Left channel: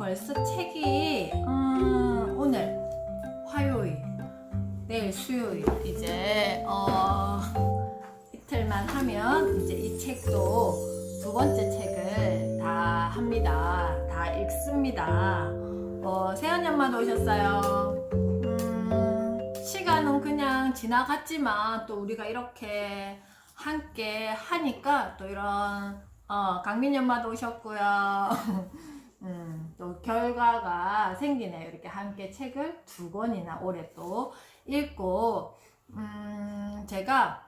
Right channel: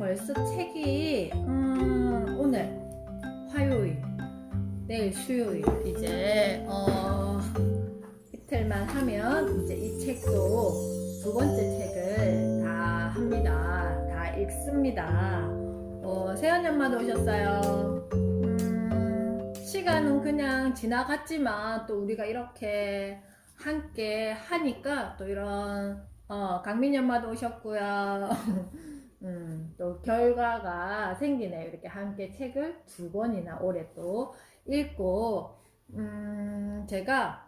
벌써 책이 오늘 화요일, 내일 수요일, 이제 이틀만 하면 이제 이 책도 두 번째 책을 다 합니다. 다 읽습니다. 세연이 엄마도 오셨어요. 시간은 그냥 지나갔지만 또 우리가 이렇게 함께 하니까 또 이런 강민이 엄마도 오셨고요. 또 결과가 생기네요. 이렇게 함께 책을 두 권이나 올해 또 읽고 제가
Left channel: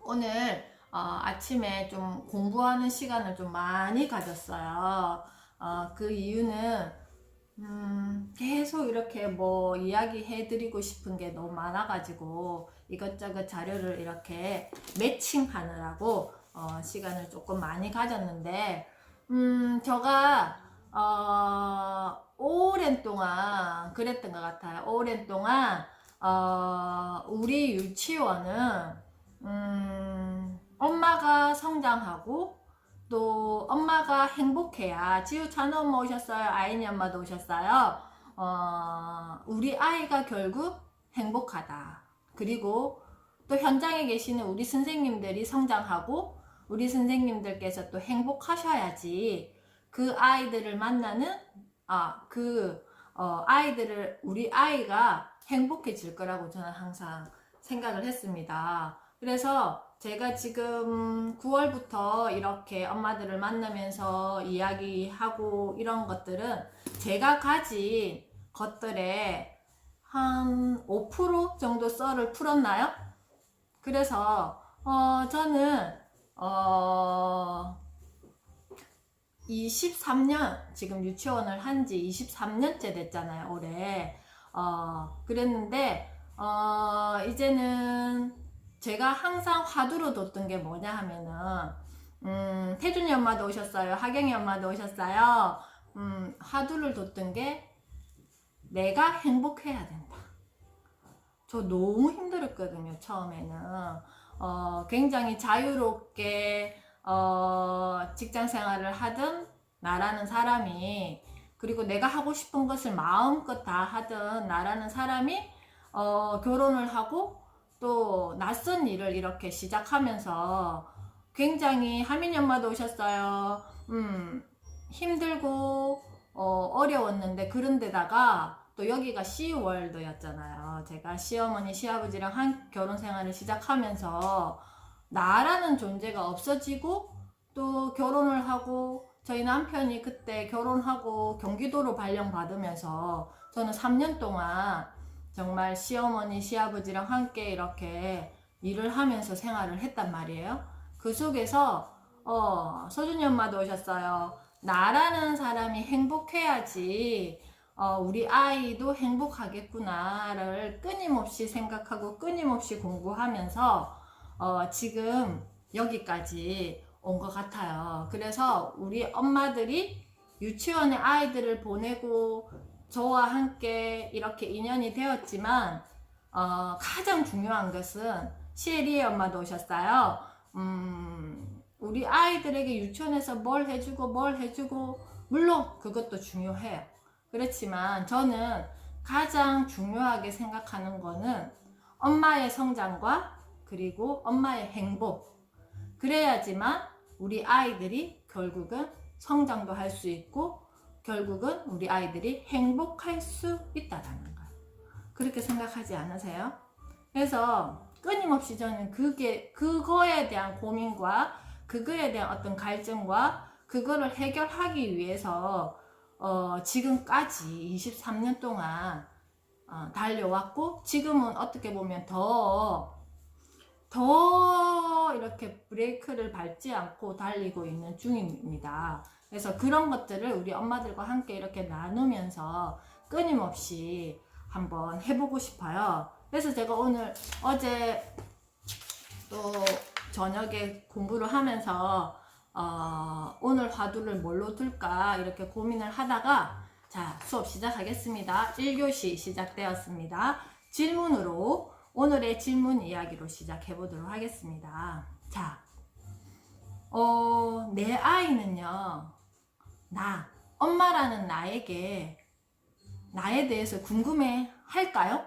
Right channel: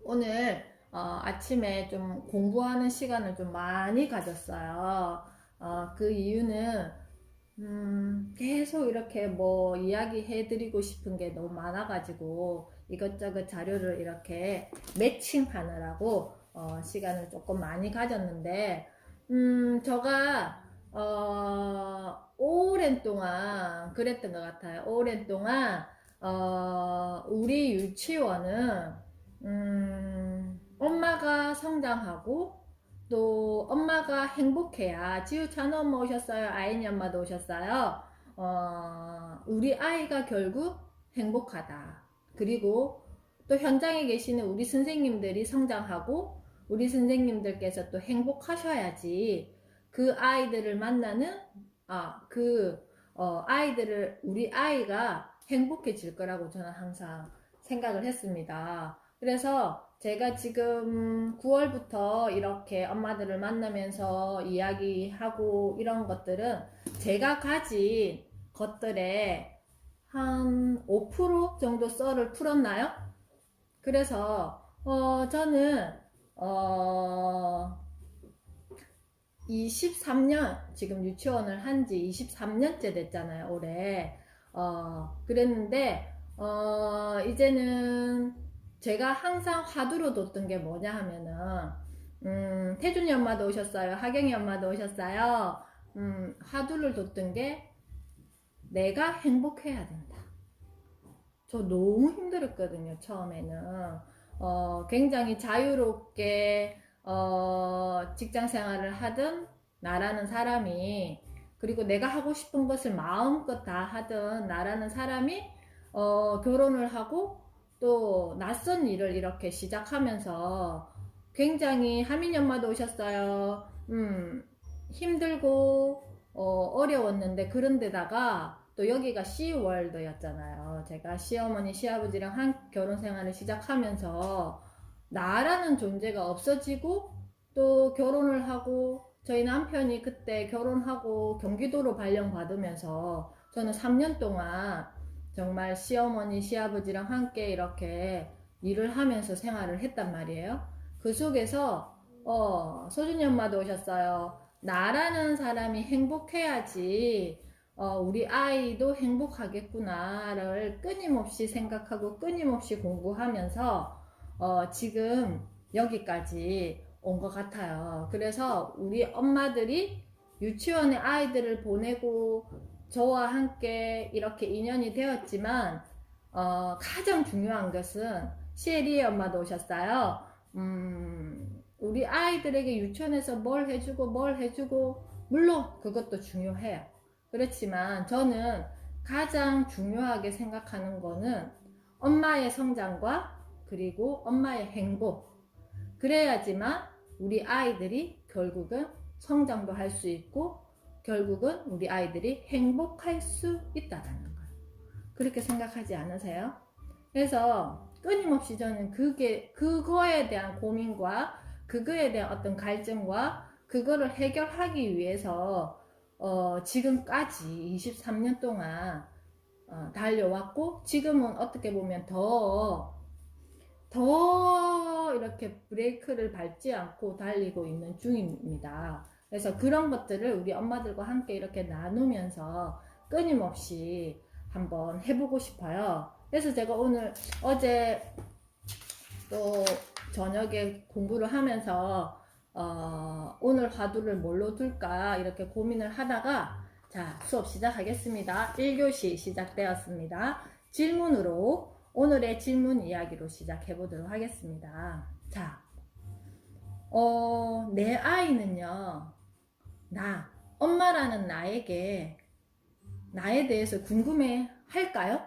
오늘 아침에 좀 공부하는 시간을 좀 많이 가졌어요. 그 이유는 계속 이렇게 뭐 이야기해 드리고 싶은 게 너무 많아가지고 이것저것 자료를 이렇게 매칭하느라고 시간을 조금 많이 가졌는데 제가 오랜 동안 그랬던 것 같아요. 오랜 동안 우리 유치원은 엄마가 성장하고 또 엄마가 행복해야, 지우찬 엄마 오셨어요. 아이니 엄마도 오셨어요. 우리 아이가 결국 행복하다. 그리고 또 현장에 계시는 우리 선생님들이 성장하고 우리 선생님들께서 또 행복하셔야지 그 아이들을 만나는 아이들을, 우리 아이가 행복해질 거라고 저는 항상 생각을 했습니다. 그래서 제가 지금 9월부터 이렇게 엄마들을 만나면서 이야기하고 이런 것들은 제가 가진 것들에 한 5% 정도 썰을 풀었나요? 그래서 저는 23년, 지금 유치원을 한 지 23년째 됐잖아요, 올해. 그랬는데 이제는 제가 항상 화두로 뒀던 게 뭐냐 하면은 태준이 엄마도 오셨어요. 하경이 엄마도 오셨어요. 화두를 뒀던 게 내가 행복해야 된다. 저 너무 힘들었거든요, 처음에는. 굉장히 자유롭게 직장 생활을 하던 나라는 사람이, 그리고 내가 하고 싶은 것을 마음껏 다 하던 나라는 사람이 결혼을 하고 또 낯선 일을 이렇게 시작하면서 굉장히, 하민이 엄마도 오셨어요. 힘들고 어려웠는데, 그런데다가 또 여기가 시월드였잖아요. 제가 시어머니 시아버지랑 한 결혼 생활을 시작하면서 나라는 존재가 없어지고, 또 결혼을 하고, 저희 남편이 그때 결혼하고 경기도로 발령받으면서 저는 3년 동안 정말 시어머니 시아버지랑 함께 이렇게 일을 하면서 생활을 했단 말이에요. 그 속에서 소준이 엄마도 오셨어요. 나라는 사람이 행복해야지 우리 아이도 행복하겠구나를 끊임없이 생각하고 끊임없이 공부하면서 지금 여기까지 온 것 같아요. 그래서 우리 엄마들이 유치원에 아이들을 보내고 저와 함께 이렇게 인연이 되었지만 가장 중요한 것은 시에리의 엄마도 오셨어요. 우리 아이들에게 유치원에서 뭘 해주고 물론 그것도 중요해요. 그렇지만 저는 가장 중요하게 생각하는 거는 엄마의 성장과 그리고 엄마의 행복. 그래야지만 우리 아이들이 결국은 성장도 할 수 있고 결국은 우리 아이들이 행복할 수 있다라는 거예요. 그렇게 생각하지 않으세요? 그래서 끊임없이 저는 그거에 대한 고민과 그거에 대한 어떤 갈증과 그거를 해결하기 위해서 지금까지 23년 동안 달려왔고, 지금은 어떻게 보면 더 이렇게 브레이크를 밟지 않고 달리고 있는 중입니다. 그래서 그런 것들을 우리 엄마들과 함께 이렇게 나누면서 끊임없이 한번 해보고 싶어요. 그래서 제가 어제 또 저녁에 공부를 하면서 오늘 화두를 뭘로 둘까 이렇게 고민을 하다가, 자, 수업 시작하겠습니다. 1교시 시작되었습니다. 질문으로, 오늘의 질문 이야기로 시작해 보도록 하겠습니다. 자, 내 아이는요, 엄마라는 나에게 나에 대해서 궁금해 할까요?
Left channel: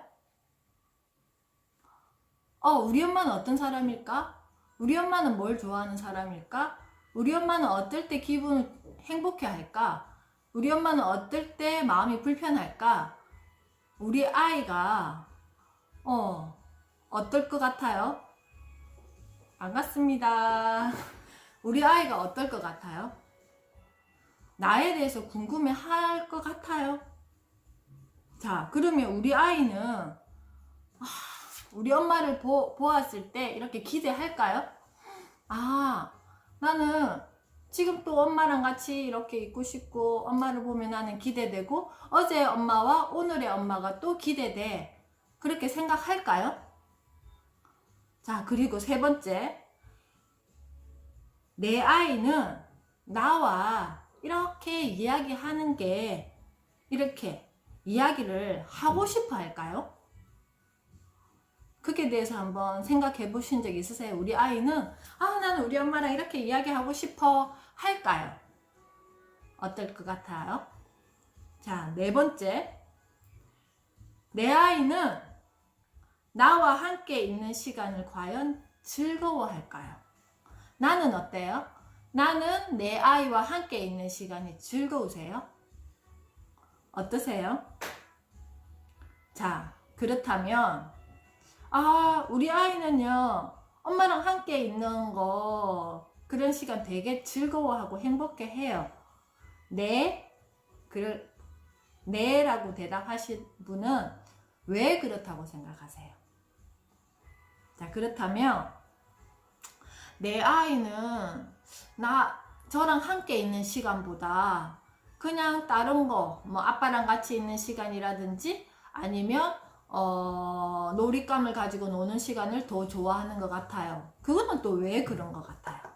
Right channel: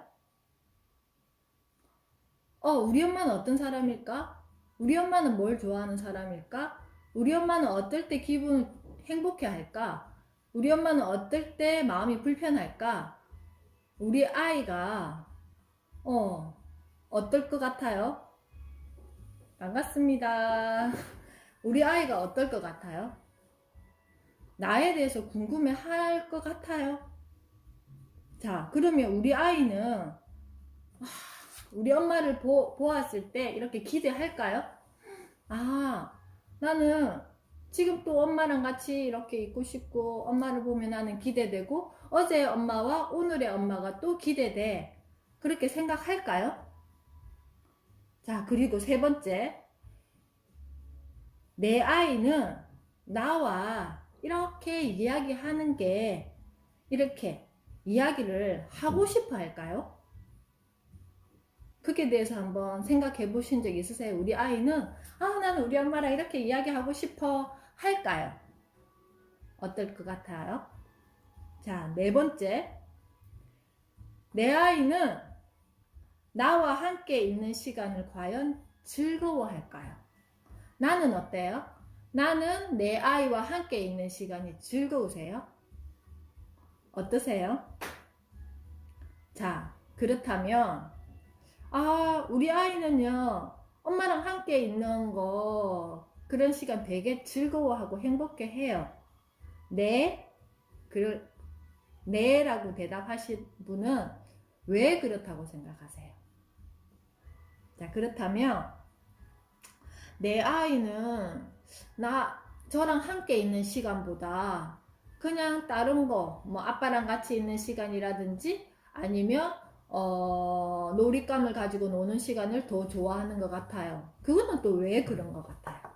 우리 엄마는 어떤 사람일까? 우리 엄마는 뭘 좋아하는 사람일까? 우리 엄마는 어떨 때 기분 행복해 할까? 우리 엄마는 어떨 때 마음이 불편할까? 우리 아이가 어떨 것 같아요? 반갑습니다. 우리 아이가 어떨 것 같아요? 나에 대해서 궁금해 할 것 같아요? 자, 그러면 우리 아이는 우리 엄마를 보았을 때 이렇게 기대할까요? 나는 지금 또 엄마랑 같이 이렇게 있고 싶고 엄마를 보면 나는 기대되고 어제의 엄마와 오늘의 엄마가 또 기대돼. 그렇게 생각할까요? 자, 그리고 세 번째, 내 아이는 나와 이렇게 이야기하는 게 이렇게 이야기를 하고 싶어 할까요? 그게 대해서 한번 생각해 보신 적 있으세요? 우리 아이는 나는 우리 엄마랑 이렇게 이야기하고 싶어 할까요? 어떨 것 같아요? 자, 네 번째, 내 아이는 나와 함께 있는 시간을 과연 즐거워할까요? 나는 어때요? 나는 내 아이와 함께 있는 시간이 즐거우세요? 어떠세요? 자, 그렇다면 우리 아이는요, 엄마랑 함께 있는 거 그런 시간 되게 즐거워하고 행복해 해요. 네? 네라고 대답하신 분은 왜 그렇다고 생각하세요? 자, 그렇다면 내 아이는 저랑 함께 있는 시간보다 그냥 다른 거, 뭐 아빠랑 같이 있는 시간이라든지 아니면 놀잇감을 가지고 노는 시간을 더 좋아하는 것 같아요. 그거는 또 왜 그런 것 같아요?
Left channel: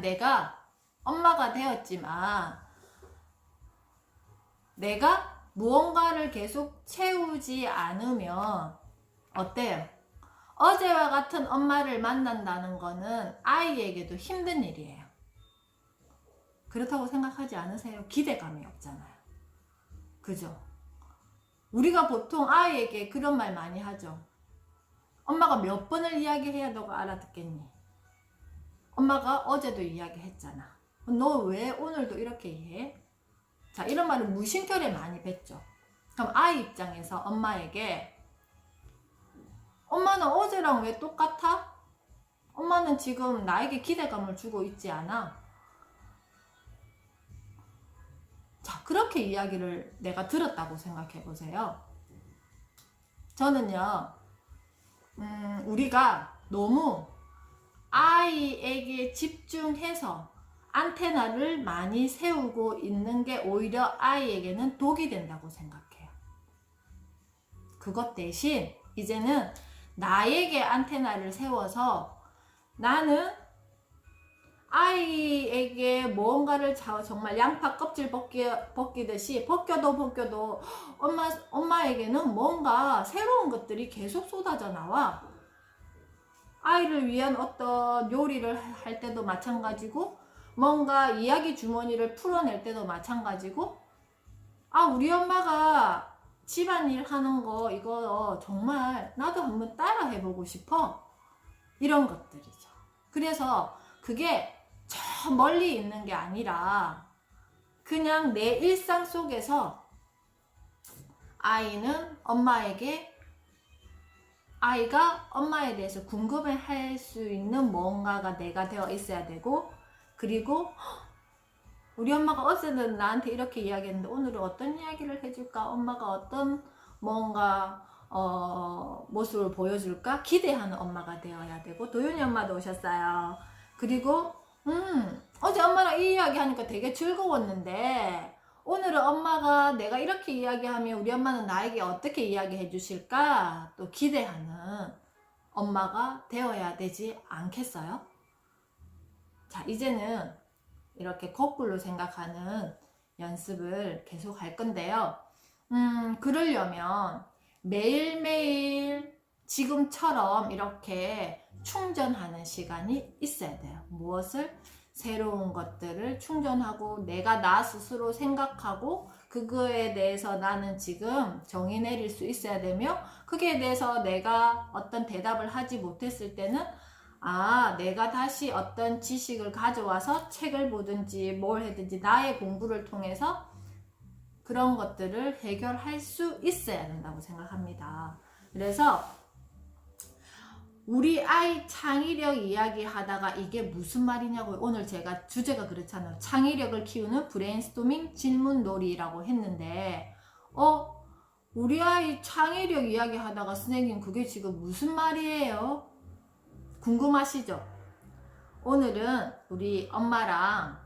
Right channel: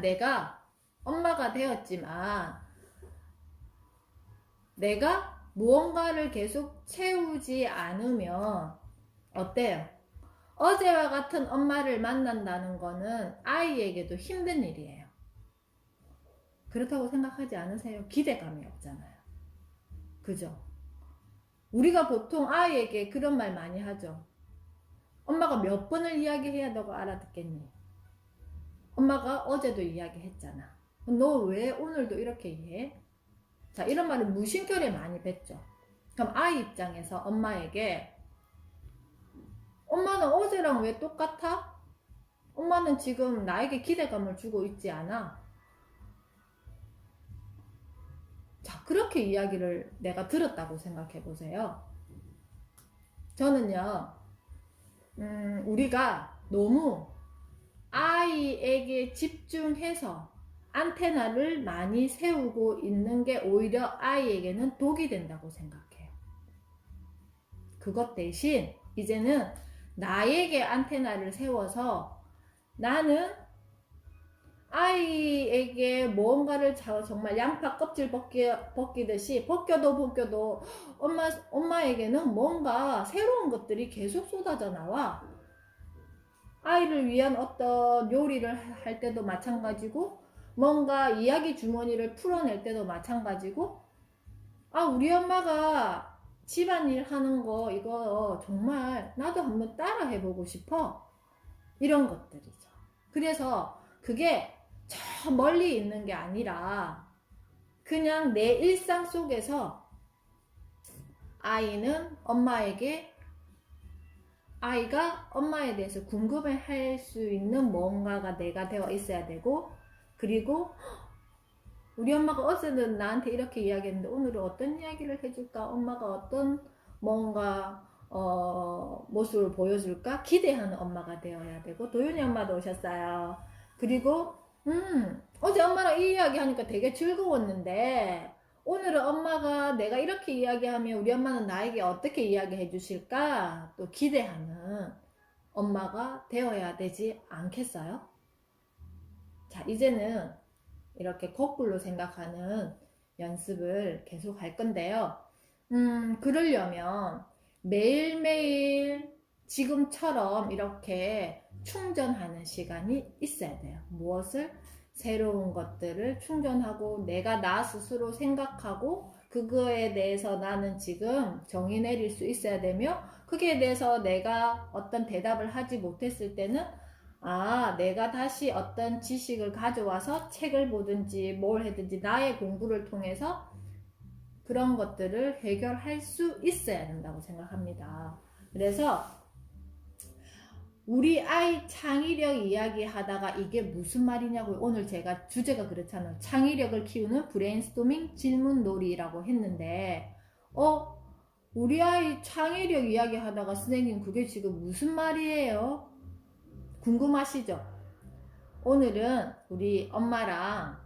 내가 엄마가 되었지만 내가 무언가를 계속 채우지 않으면 어때요? 어제와 같은 엄마를 만난다는 거는 아이에게도 힘든 일이에요. 그렇다고 생각하지 않으세요? 기대감이 없잖아요. 그죠? 우리가 보통 아이에게 그런 말 많이 하죠. 엄마가 몇 번을 이야기해야 너가 알아듣겠니? 엄마가 어제도 이야기했잖아. 너 왜 오늘도 이렇게 해? 자, 이런 말을 무심결에 많이 뱉죠. 그럼 아이 입장에서 엄마에게 엄마는 어제랑 왜 똑같아? 엄마는 지금 나에게 기대감을 주고 있지 않아? 자, 그렇게 이야기를 내가 들었다고 생각해 보세요. 저는요, 우리가 너무 아이에게 집중해서 안테나를 많이 세우고 있는 게 오히려 아이에게는 독이 된다고 생각해요. 그것 대신 이제는 나에게 안테나를 세워서 나는 아이에게 무언가를 정말 양파 껍질 벗기듯이 벗겨도 엄마에게는 뭔가 새로운 것들이 계속 쏟아져 나와. 아이를 위한 어떤 요리를 할 때도 마찬가지고 뭔가 이야기 주머니를 풀어낼 때도 마찬가지고 우리 엄마가 집안일 하는 거 이거 정말 나도 한번 따라 해보고 싶어. 이런 것들이죠. 그래서 그게 저 멀리 있는 게 아니라 그냥 내 일상 속에서 아이가 엄마에 대해서 궁금해 할 수 있는 뭔가가 내가 되어 있어야 되고, 그리고 우리 엄마가 어제는 나한테 이렇게 이야기했는데 오늘은 어떤 이야기를 해줄까? 엄마가 어떤 뭔가 모습을 보여줄까? 기대하는 엄마가 되어야 되고. 도윤이 엄마도 오셨어요. 그리고 어제 엄마랑 이 이야기 하니까 되게 즐거웠는데 오늘은 엄마가 내가 이렇게 이야기하면 우리 엄마는 나에게 어떻게 이야기해 주실까? 또 기대하는 엄마가 되어야 되지 않겠어요? 자, 이제는 이렇게 거꾸로 생각하는 연습을 계속 할 건데요. 그러려면 매일매일 지금처럼 이렇게 충전하는 시간이 있어야 돼요. 무엇을? 새로운 것들을 충전하고 내가 나 스스로 생각하고 그거에 대해서 나는 지금 정의 내릴 수 있어야 되며 그게 대해서 내가 어떤 대답을 하지 못했을 때는 내가 다시 어떤 지식을 가져와서 책을 보든지 뭘 하든지 나의 공부를 통해서 그런 것들을 해결할 수 있어야 된다고 생각합니다. 그래서 우리 아이 창의력 이야기 하다가 이게 무슨 말이냐고요. 오늘 제가 주제가 그렇잖아요. 창의력을 키우는 브레인스토밍 질문놀이라고 했는데 우리 아이 창의력 이야기 하다가 선생님 그게 지금 무슨 말이에요? 궁금하시죠? 오늘은 우리 엄마랑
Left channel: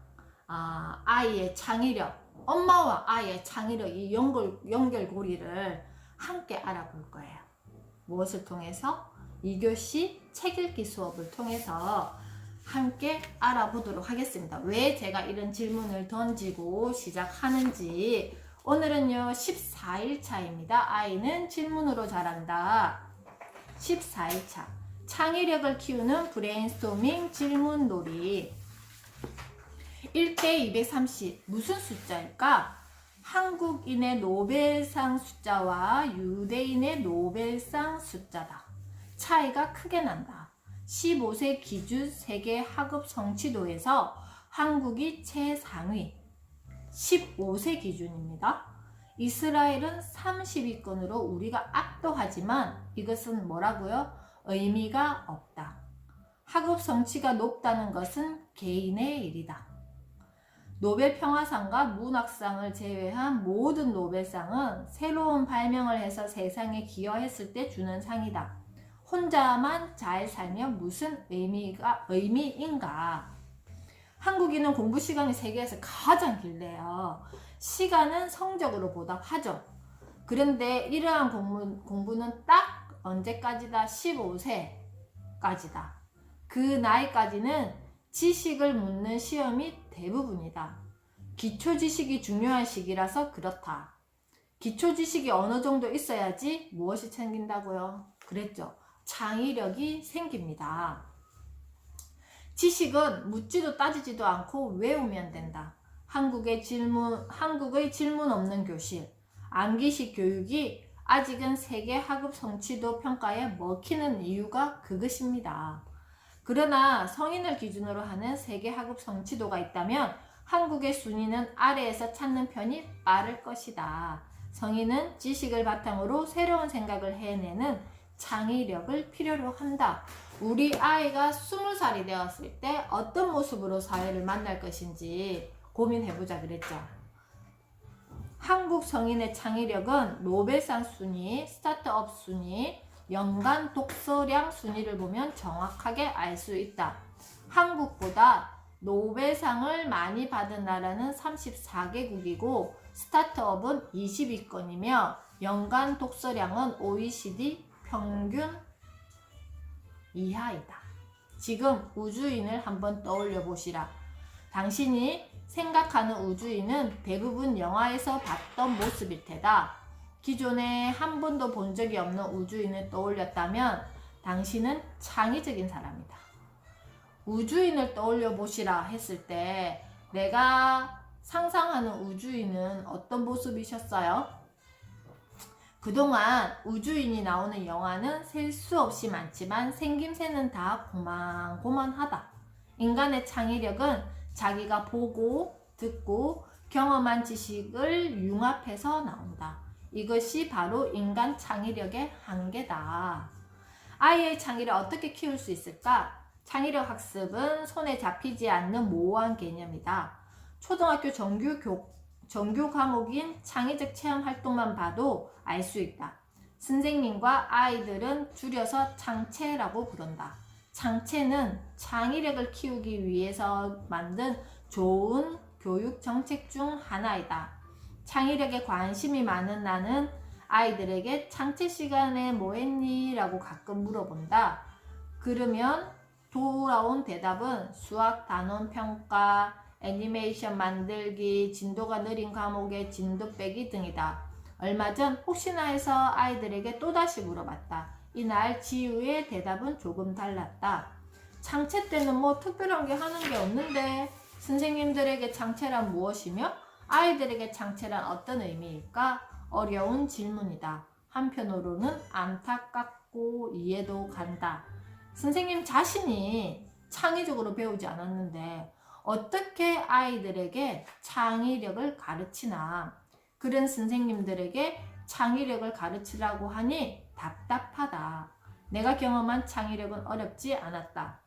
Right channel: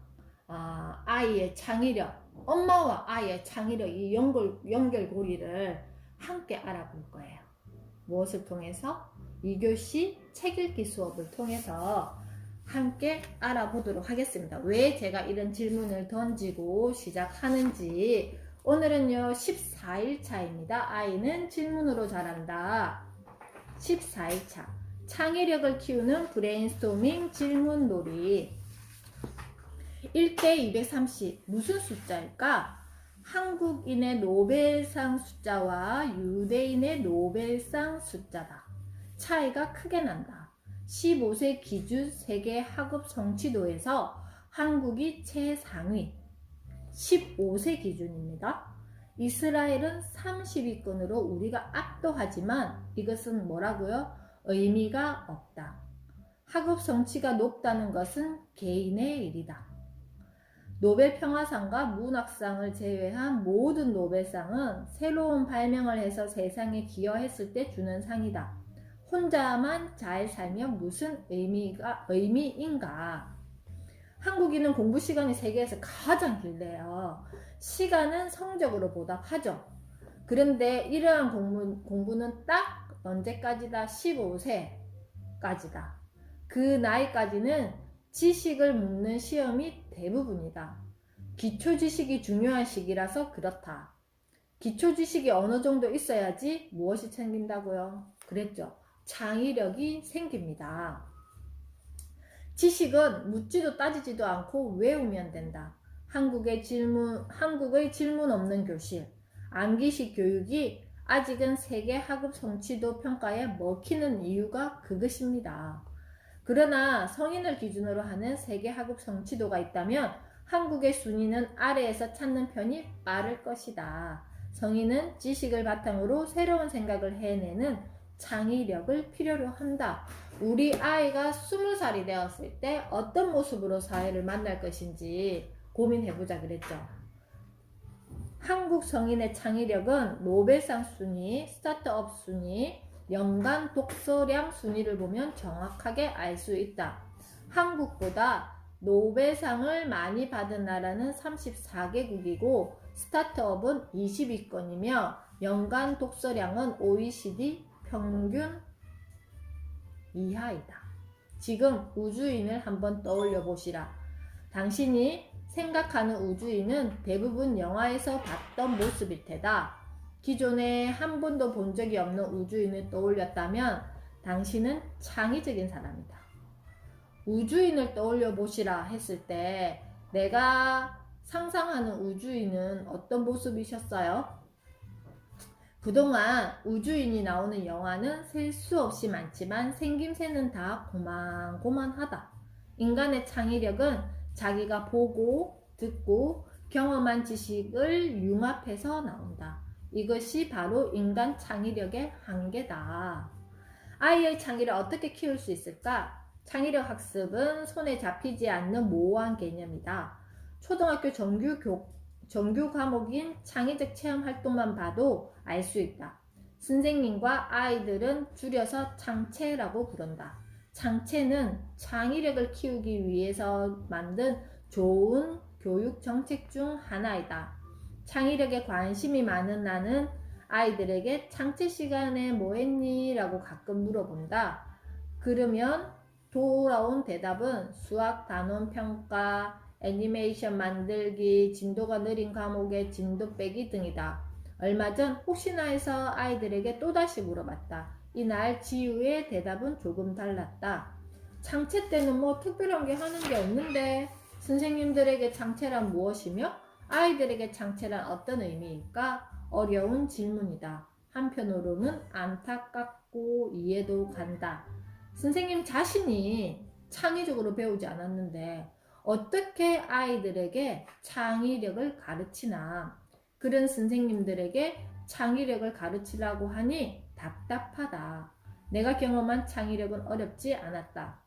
아이의 창의력, 엄마와 아이의 창의력 이 연결고리를 함께 알아볼 거예요. 무엇을 통해서? 2교시 책 읽기 수업을 통해서 함께 알아보도록 하겠습니다. 왜 제가 이런 질문을 던지고 시작하는지. 오늘은요 14일차입니다. 아이는 질문으로 자란다. 14일차 창의력을 키우는 브레인스토밍 질문놀이. 1대 230 무슨 숫자일까? 한국인의 노벨상 숫자와 유대인의 노벨상 숫자다. 차이가 크게 난다. 15세 기준 세계 학업 성취도에서 한국이 최상위 15세 기준입니다. 이스라엘은 30위권으로 우리가 압도하지만 이것은 뭐라고요? 의미가 없다. 학업 성취가 높다는 것은 개인의 일이다. 노벨 평화상과 문학상을 제외한 모든 노벨상은 새로운 발명을 해서 세상에 기여했을 때 주는 상이다. 혼자만 잘 살면 무슨 의미인가? 한국인은 공부 시간이 세계에서 가장 길대요. 시간은 성적으로 보답하죠. 그런데 이러한 공부는 딱 언제까지다? 15세까지다. 그 나이까지는 지식을 묻는 시험이 대부분이다. 기초 지식이 중요한 시기라서 그렇다. 기초 지식이 어느 정도 있어야지 무엇이 생긴다고요? 그랬죠. 창의력이 생깁니다. 지식은 묻지도 따지지도 않고 외우면 된다. 한국의 질문 없는 교실, 암기식 교육이 아직은 세계 학업 성취도 평가에 먹히는 이유가 그것입니다. 그러나 성인을 기준으로 하는 세계 학업 성취도가 있다면 한국의 순위는 아래에서 찾는 편이 빠를 것이다. 성인은 지식을 바탕으로 새로운 생각을 해내는 창의력을 필요로 한다. 우리 아이가 20살이 되었을 때 어떤 모습으로 사회를 만날 것인지 고민해보자 그랬죠. 한국 성인의 창의력은 노벨상 순위, 스타트업 순위, 연간 독서량 순위를 보면 정확하게 알 수 있다. 한국보다 노벨상을 많이 받은 나라는 34개국이고 스타트업은 20위권이며 연간 독서량은 OECD 평균 이하이다. 지금 우주인을 한번 떠올려 보시라. 당신이 생각하는 우주인은 대부분 영화에서 봤던 모습일 테다. 기존에 한 번도 본 적이 없는 우주인을 떠올렸다면 당신은 창의적인 사람이다. 우주인을 떠올려 보시라 했을 때 내가 상상하는 우주인은 어떤 모습이셨어요? 그동안 우주인이 나오는 영화는 셀 수 없이 많지만 생김새는 다 고만고만하다. 인간의 창의력은 자기가 보고 듣고 경험한 지식을 융합해서 나온다. 이것이 바로 인간 창의력의 한계다. 아이의 창의를 어떻게 키울 수 있을까? 창의력 학습은 손에 잡히지 않는 모호한 개념이다. 초등학교 정규 과목인 창의적 체험 활동만 봐도 알 수 있다. 선생님과 아이들은 줄여서 창체라고 부른다. 창체는 창의력을 키우기 위해서 만든 좋은 교육 정책 중 하나이다. 창의력에 관심이 많은 나는 아이들에게 창체 시간에 뭐 했니? 라고 가끔 물어본다. 그러면 돌아온 대답은 수학 단원 평가, 애니메이션 만들기, 진도가 느린 과목의 진도 빼기 등이다. 얼마 전 혹시나 해서 아이들에게 또다시 물어봤다. 이날 지우의 대답은 조금 달랐다. 창체 때는 뭐 특별한 게 하는 게 없는데 선생님들에게 창체란 무엇이며 아이들에게 창체란 어떤 의미일까? 어려운 질문이다. 한편으로는 안타깝고 이해도 간다. 선생님 자신이 창의적으로 배우지 않았는데 어떻게 아이들에게 창의력을 가르치나. 그런 선생님들에게 창의력을 가르치라고 하니 답답하다. 내가 경험한 창의력은 어렵지 않았다.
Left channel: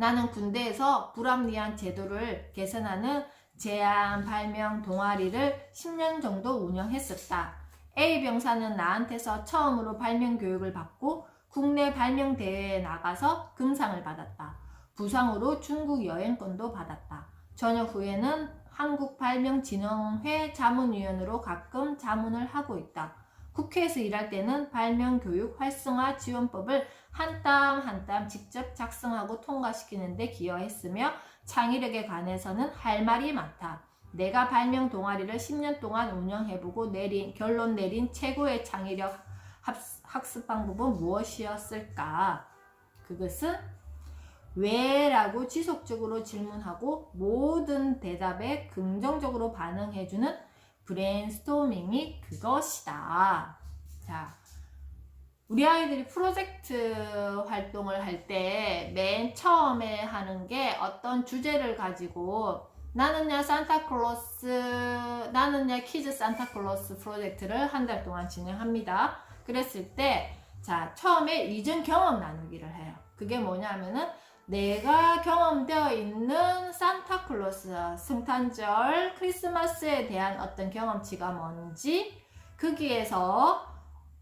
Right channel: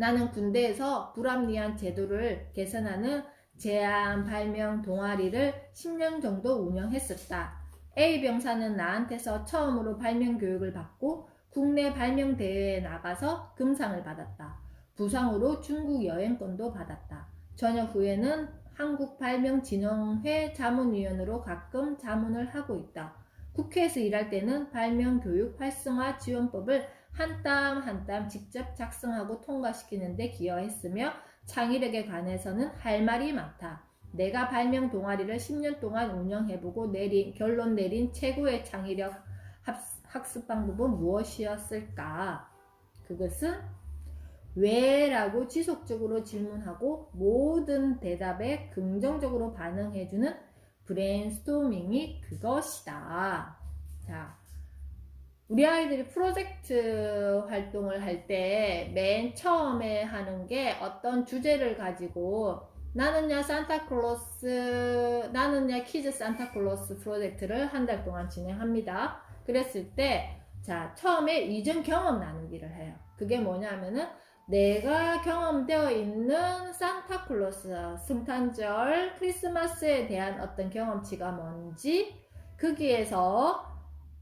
나는 군대에서 불합리한 제도를 개선하는 제안 발명 동아리를 10년 정도 운영했었다. A 병사는 나한테서 처음으로 발명 교육을 받고 국내 발명 대회에 나가서 금상을 받았다. 부상으로 중국 여행권도 받았다. 전역 후에는 한국발명진흥회 자문위원으로 가끔 자문을 하고 있다. 국회에서 일할 때는 발명교육 활성화 지원법을 한 땀 한 땀 직접 작성하고 통과시키는 데 기여했으며 창의력에 관해서는 할 말이 많다. 내가 발명 동아리를 10년 동안 운영해보고 결론 내린 최고의 창의력 학습 방법은 무엇이었을까? 그것은 왜? 라고 지속적으로 질문하고 모든 대답에 긍정적으로 반응해주는 브레인스토밍이 그것이다. 자, 우리 아이들이 프로젝트 활동을 할 때 맨 처음에 하는 게 어떤 주제를 가지고 나는야 산타클로스, 나는야 키즈 산타클로스 프로젝트를 한 달 동안 진행합니다. 그랬을 때, 자, 처음에 이전 경험 나누기를 해요. 그게 뭐냐면은 내가 경험되어 있는 산타클로스, 성탄절, 크리스마스에 대한 어떤 경험치가 뭔지 거기에서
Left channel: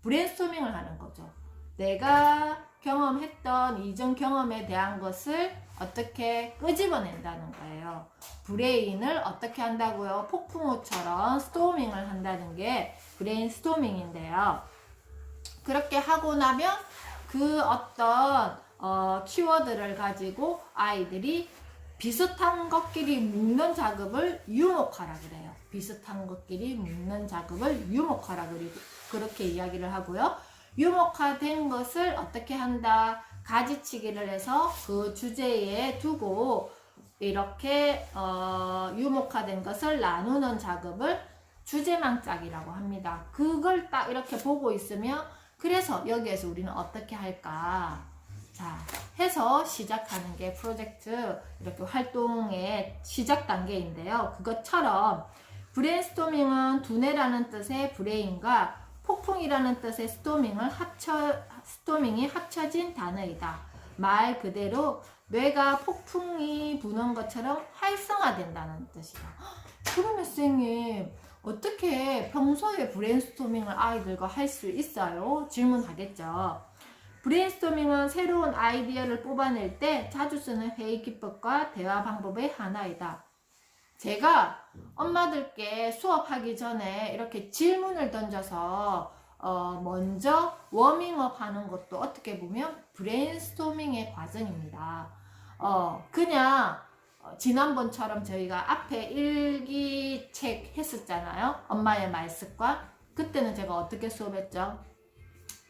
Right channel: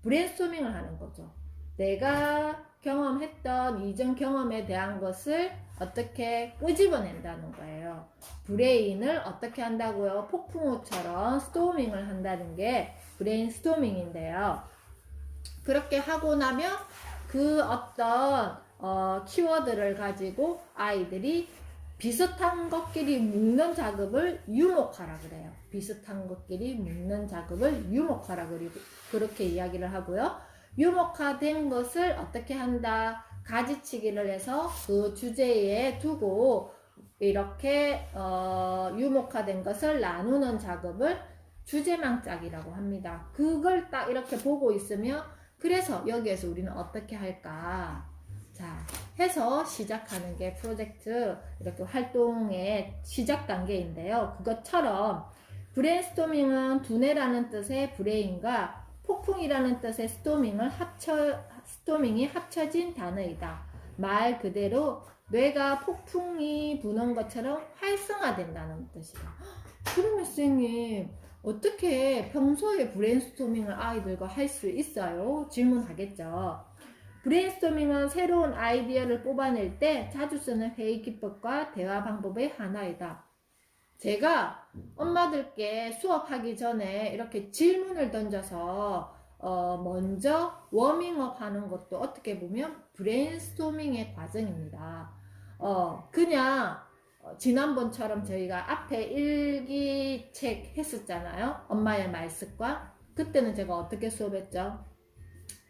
브레인스토밍을 하는 거죠. 내가 경험했던 이전 경험에 대한 것을 어떻게 끄집어낸다는 거예요. 브레인을 어떻게 한다고요? 폭풍우처럼 스토밍을 한다는 게 브레인스토밍인데요. 그렇게 하고 나면 그 어떤 키워드를 가지고 아이들이 비슷한 것끼리 묶는 작업을 유목하라 그래요. 비슷한 것끼리 묶는 작업을 유목하라 그렇게 이야기를 하고요. 유목화된 것을 어떻게 한다? 가지치기를 해서 그 주제에 두고 이렇게 유목화된 것을 나누는 작업을 주제망짝이라고 합니다. 그걸 딱 이렇게 보고 있으면 그래서 여기에서 우리는 어떻게 할까? 자, 해서 시작하는 게 프로젝트 이렇게 활동의 시작 단계인데요. 그것처럼 브레인스토밍은 두뇌라는 뜻의 브레인과 폭풍이라는 뜻의 스토밍이 합쳐진 단어이다. 말 그대로 뇌가 폭풍이 부는 것처럼 활성화된다는 뜻이다. 그러면 선생님 어떻게 평소에 브레인스토밍을 아이들과 할 수 있어요? 질문하겠죠. 브레인스토밍은 새로운 아이디어를 뽑아낼 때 자주 쓰는 회의 기법과 대화 방법의 하나이다. 제가 엄마들께 수업하기 전에 이렇게 질문을 던져서 먼저 워밍업 하는 것도 어떻게 보면 브레인스토밍의 과정입니다. 그냥 지난번처럼 저희가 앞에 일기책 했었잖아요. 엄마의 말습과. 그때는 제가 어떻게 수업했죠?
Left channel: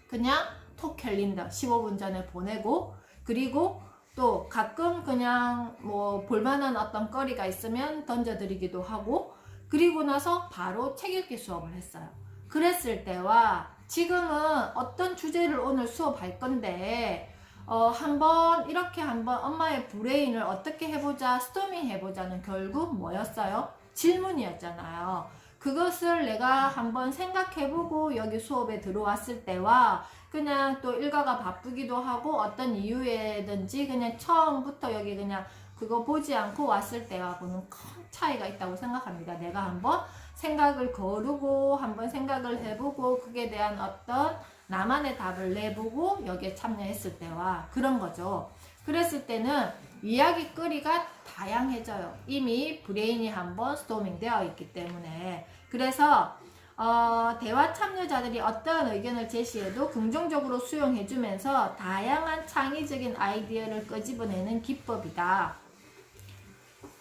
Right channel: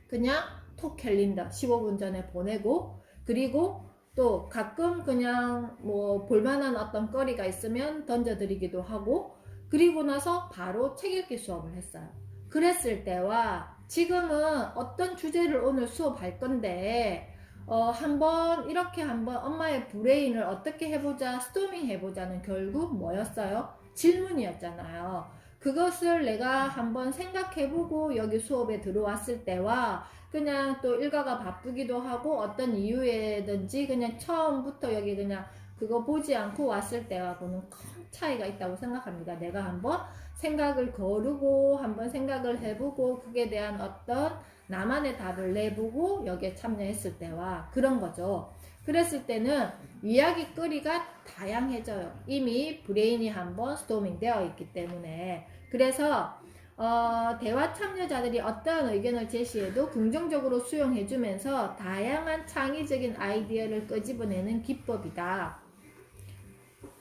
그냥 톡 캘린더 15분 전에 보내고, 그리고 또 가끔 그냥 뭐 볼만한 어떤 거리가 있으면 던져드리기도 하고, 그리고 나서 바로 책 읽기 수업을 했어요. 그랬을 때와 지금은 어떤 주제를 오늘 수업할 건데 한번 이렇게 한번 엄마의 브레인을 어떻게 해보자, 스토밍 해보자는 결국 뭐였어요? 질문이었잖아요. 그것을 내가 한번 생각해보고 여기 수업에 들어왔을 때와 그냥 또 일과가 바쁘기도 하고 어떤 이유에든지 그냥 처음부터 여기 그냥 그거 보지 않고 왔을 때하고는 큰 차이가 있다고 생각합니다. 내가 한번 생각을 거르고 한번 생각을 해보고 그에 대한 어떤 나만의 답을 내보고 여기에 참여했을 때와 그런 거죠. 그랬을 때는 이야기거리가 다양해져요. 이미 브레인이 한번 스토밍 되어 있기 때문에. 그래서 대화 참여자들이 어떠한 의견을 제시해도 긍정적으로 수용해주면서 다양한 창의적인 아이디어를 끄집어내는 기법이다.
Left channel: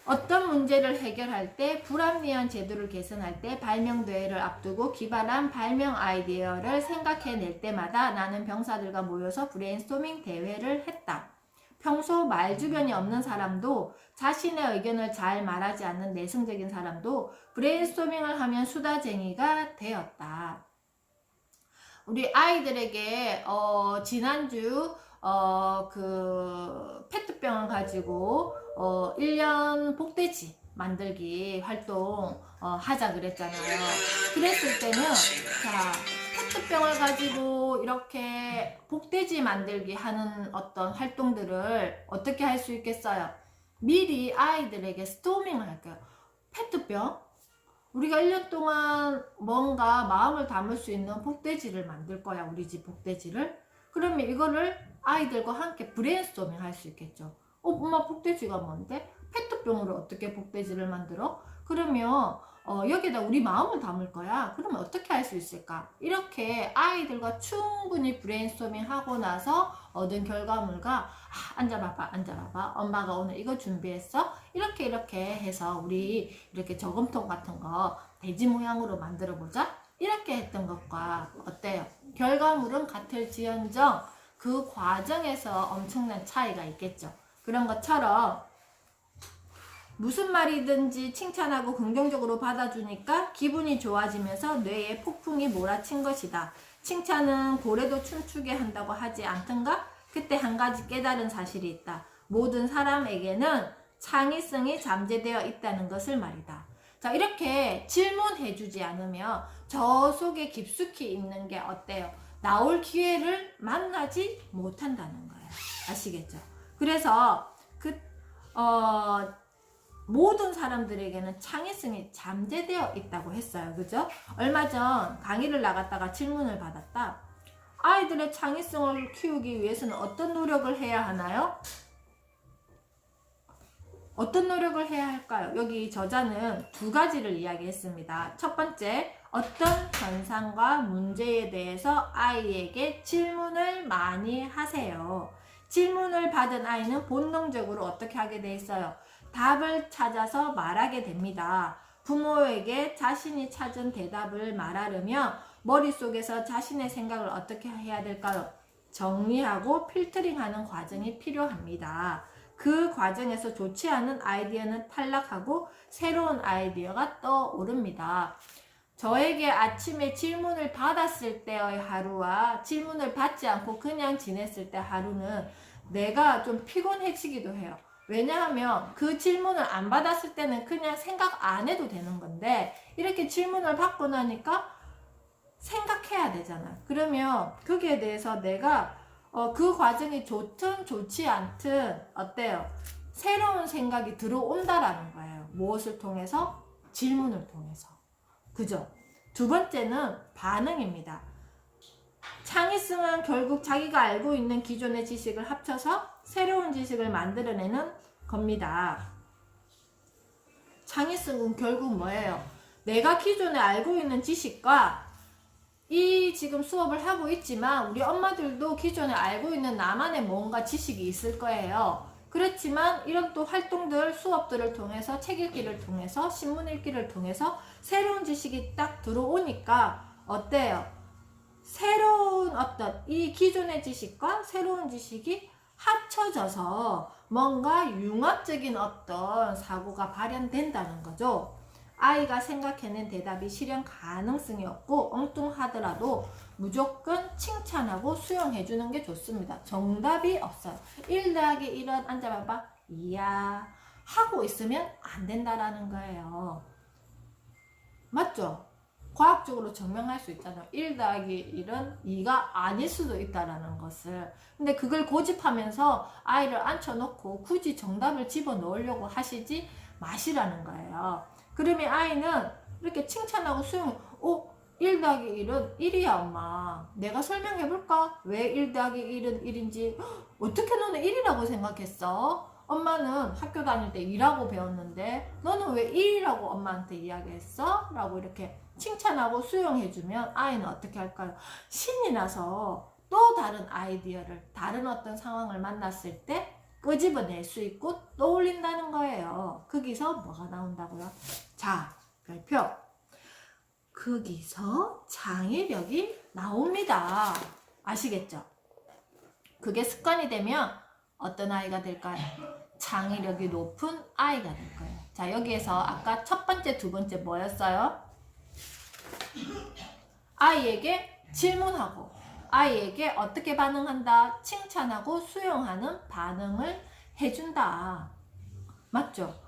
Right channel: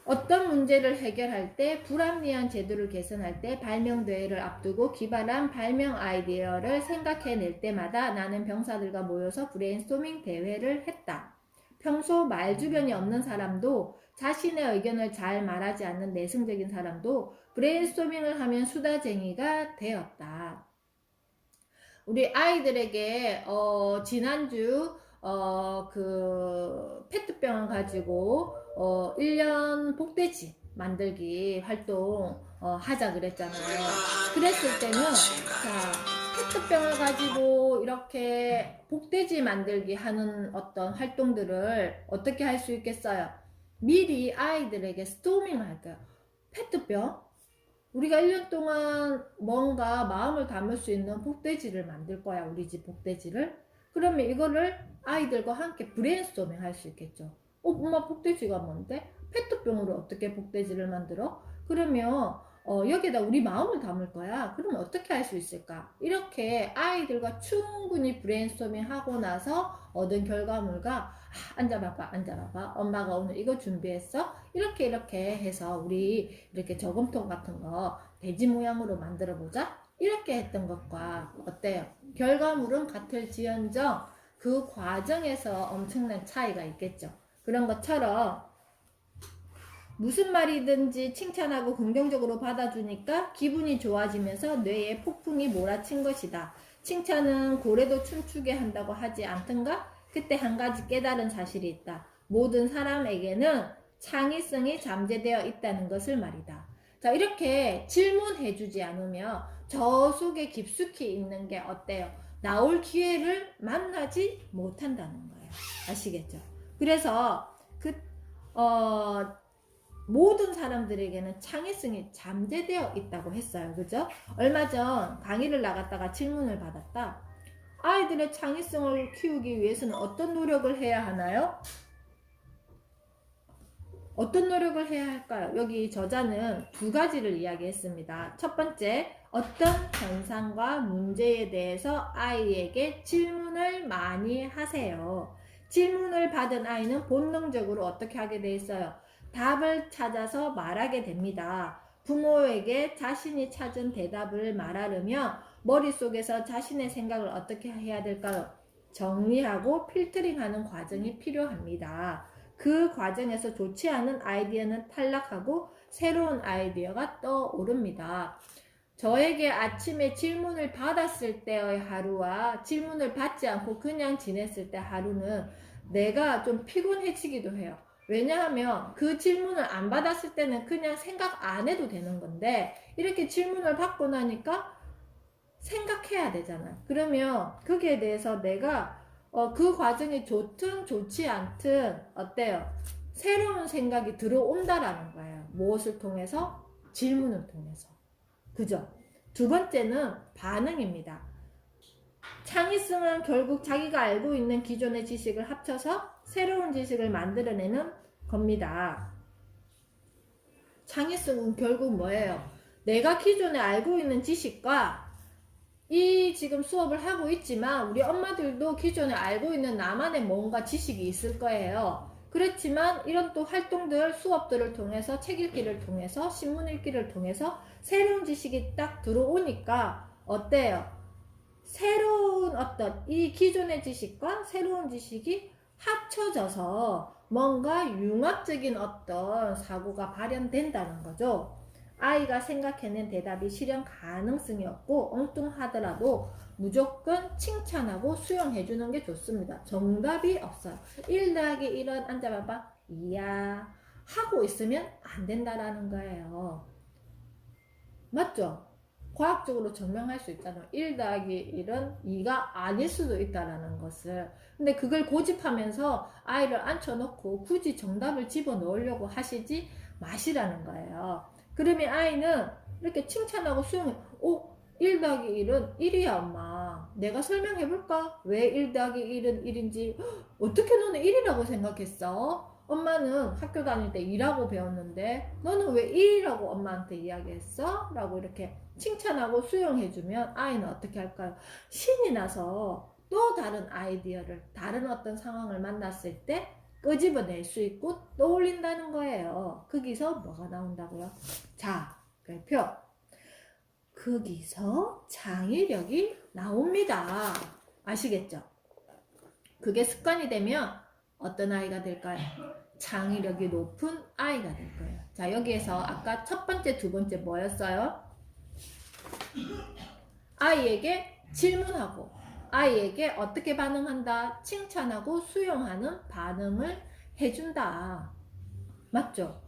어떤 문제를 해결할 때, 불합리한 제도를 개선할 때, 발명대회를 앞두고 기발한 발명 아이디어를 생각해낼 때마다 나는 병사들과 모여서 브레인스토밍 대회를 했다. 평소 말주변이 없는 사람도, 자신의 의견을 잘 말하지 않는 내성적인 사람도 브레인스토밍을 하면 수다쟁이가 되었다. 우리 아이들에게 지난주 그 페트병을 가지고 1년 복돼지 만들기 활동 하자 그랬잖아요. 그랬을 때는 자, 페트병을 가지고 이렇게 복돼지 만들기 하는 어떤 활동들을 어떻게 할 수 있겠어요? 미리 아이들에게 스토밍을 할게요. 페트병, 우리가 1년 동안 뭔가 마음을 담을 수 있는 복돼지를 만들 거야. 우리 집 복돼지를. 그러면 이거를 아이들과 함께 브레인스토밍 할 수 있겠죠. 엄마 복돼지가 뭔데? 페트병으로 어떻게 복돼지를 만들어? 그러면 여기다 우리 마음을 담을 거야. 그러면 어떻게 할 수 있을까? 이렇게 아이들과 충분히 브레인스토밍 하고 나서 얻은 결과물과 앉아봐봐, 앉아봐봐. 엄마가 오늘 이거 준비했어. 이렇게 해서 우리 이렇게 저금통 같은 거 돼지 모양으로 만들어 보자. 이렇게 했던 것과 어때요? 결과물은 같을지언정 그 과정에서 엄청난 차이가 있겠죠. 그런 것처럼 무슨 말이든지 칭찬하고 긍정적으로 받아주니까 기분이 좋아지면서 뇌에 폭풍이 몰아친 것이다. 칭찬은 고래도 춤추게 한다고 하지 않던가? 그때 한 가지 깨달은 사실이 있다. 모든 사람에게는 창의성이 잠재되어 있다는 것을 말이다. 자, 이렇게 질문해주지 않으면 저 속에 깊숙이 있는 게 어때요? 나올 기회를 만나지 못한다는 거예요. 아시겠죠? 그래서 모든 사람들에게는 창의성이 잠재되어 있다고 했어요. 그죠? 얼마 전 강의를 나갔다가 질문을 받았다. 아이들의 창의성을 키우기 위해서는 어떤 노력을 해야 하나요? 어떤 노력을 해야 할까요? 여기 저자는 두 가지를 이야기했습니다. 첫 번째, 어떤 현상과 문제에 대해서 아이에게 질문을 많이 하세요. 질문을 받은 아이는 본능적으로 어떻게 하게 돼 있어요? 답을 찾아서 말하게 됩니다. 부모에게 자신이 찾은 대답을 말하려면 머릿속에서 자신의 생각을 어떻게 해야 될까요? 정리하고 필터링하는 과정이 필요합니다. 그 과정에서 좋지 않은 아이디어는 탈락하고 새로운 아이디어가 떠오릅니다. 저에게 아침에 질문을 받았을 때의 하루와 질문을 받지 않고 그냥 지냈을 때 하루는 내가 좀 피곤해지기도 해요. 왜냐하면 그 질문을 안 받았을 때는 그냥 생각 안 해도 되는 건데 이렇게 질문을 받고 나니까 생각해야 되잖아요. 그러면 거기에 대해서 내가 그 과정이 좋든 좋지 않든 어때요? 새로운 생각이 들어온다라는 거예요. 무엇을 통해서? 질문을 통해서. 그죠? 두 번째는 반응입니다. 창의성은 결국 자기가 알고 있는 기존의 지식을 합쳐서 새로운 지식을 만들어내는 겁니다. 창의성은 결국 뭐예요? 내가 기존에 알고 있는 지식과 이 지금 수업을 하고 있지만 우리 엄마들도 기존에 알고 있는 나만의 뭔가 지식이 있을 거예요. 그렇지만 이런 또 활동들, 수업들을 통해서 책 읽기를 통해서 신문 읽기를 통해서 새로운 지식이 딱 들어오니까 어때요? 새로운 어떤 이 기존의 지식과 새로운 지식이 합쳐져서 뭔가 융합적인 어떤 사고가 발현된다는 거죠. 아이가 생각해낸 대답이 실현 가능성이 없고 엉뚱하더라도 무조건 칭찬하고 수용해주는 게 좋습니다. 정답이 없어요. 1 더하기 1은 앉아봐봐. 이야 하고 있으면 안 된다라는 거예요. 맞죠? 과학적으로 증명할 수 있잖아. 1 더하기 1은 2가 아닐 수도 있다라는 것을. 근데 그걸 고집하면서 아이를 앉혀놓고 굳이 정답을 집어넣으려고 하시지 마시라는 거예요. 그러면 아이는 이렇게 칭찬하고 수용, 1 더하기 1은 1이야 엄마. 내가 설명해볼까? 왜 1 더하기 1은 1인지. 어떻게 너는 1이라고 생각했어? 엄마는 학교 다닐 때 2라고 배웠는데 너는 왜 1이라고 엄마한테 이야기했어? 라고 이렇게 칭찬하고 수용해주면 아이는 어떻게 할까요? 신이 나서 또 다른 아이디어를, 다른 어떤 상황을 만났을 때 끄집어낼 수 있고 떠올린다는 거예요. 거기서 뭐가 나온다고요? 자, 별표. 거기서 창의력이 나옵니다. 아시겠죠? 그게 습관이 되면 어떤 아이가 될까요? 창의력이 높은 아이가 될 거예요. 자, 여기에서 아까 첫 번째, 두 번째 뭐였어요? 아이에게 질문하고 아이에게 어떻게 반응한다? 칭찬하고 수용하는 반응을 해준다. 맞죠?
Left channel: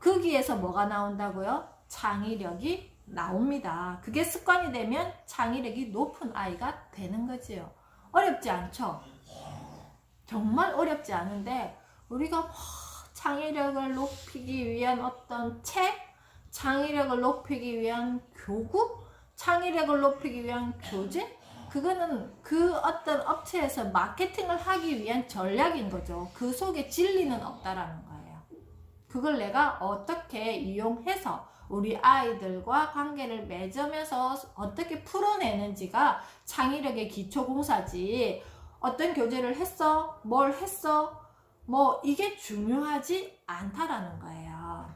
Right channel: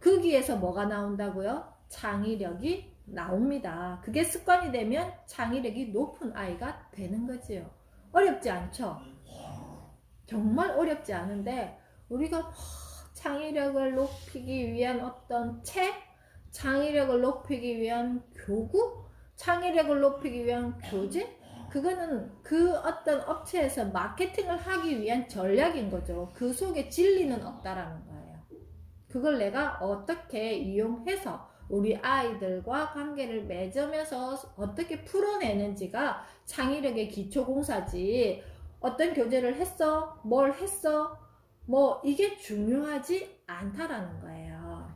거기에서 뭐가 나온다고요? 창의력이 나옵니다. 그게 습관이 되면 창의력이 높은 아이가 되는 거지요. 어렵지 않죠? 정말 어렵지 않은데 우리가 창의력을 높이기 위한 어떤 책, 창의력을 높이기 위한 교구, 창의력을 높이기 위한 교재, 그거는 그 어떤 업체에서 마케팅을 하기 위한 전략인 거죠. 그 속에 진리는 없다라는 거예요. 그걸 내가 어떻게 이용해서 우리 아이들과 관계를 맺으면서 어떻게 풀어내는지가 창의력의 기초공사지. 어떤 교재를 했어? 뭘 했어? 뭐 이게 중요하지 않다라는 거예요.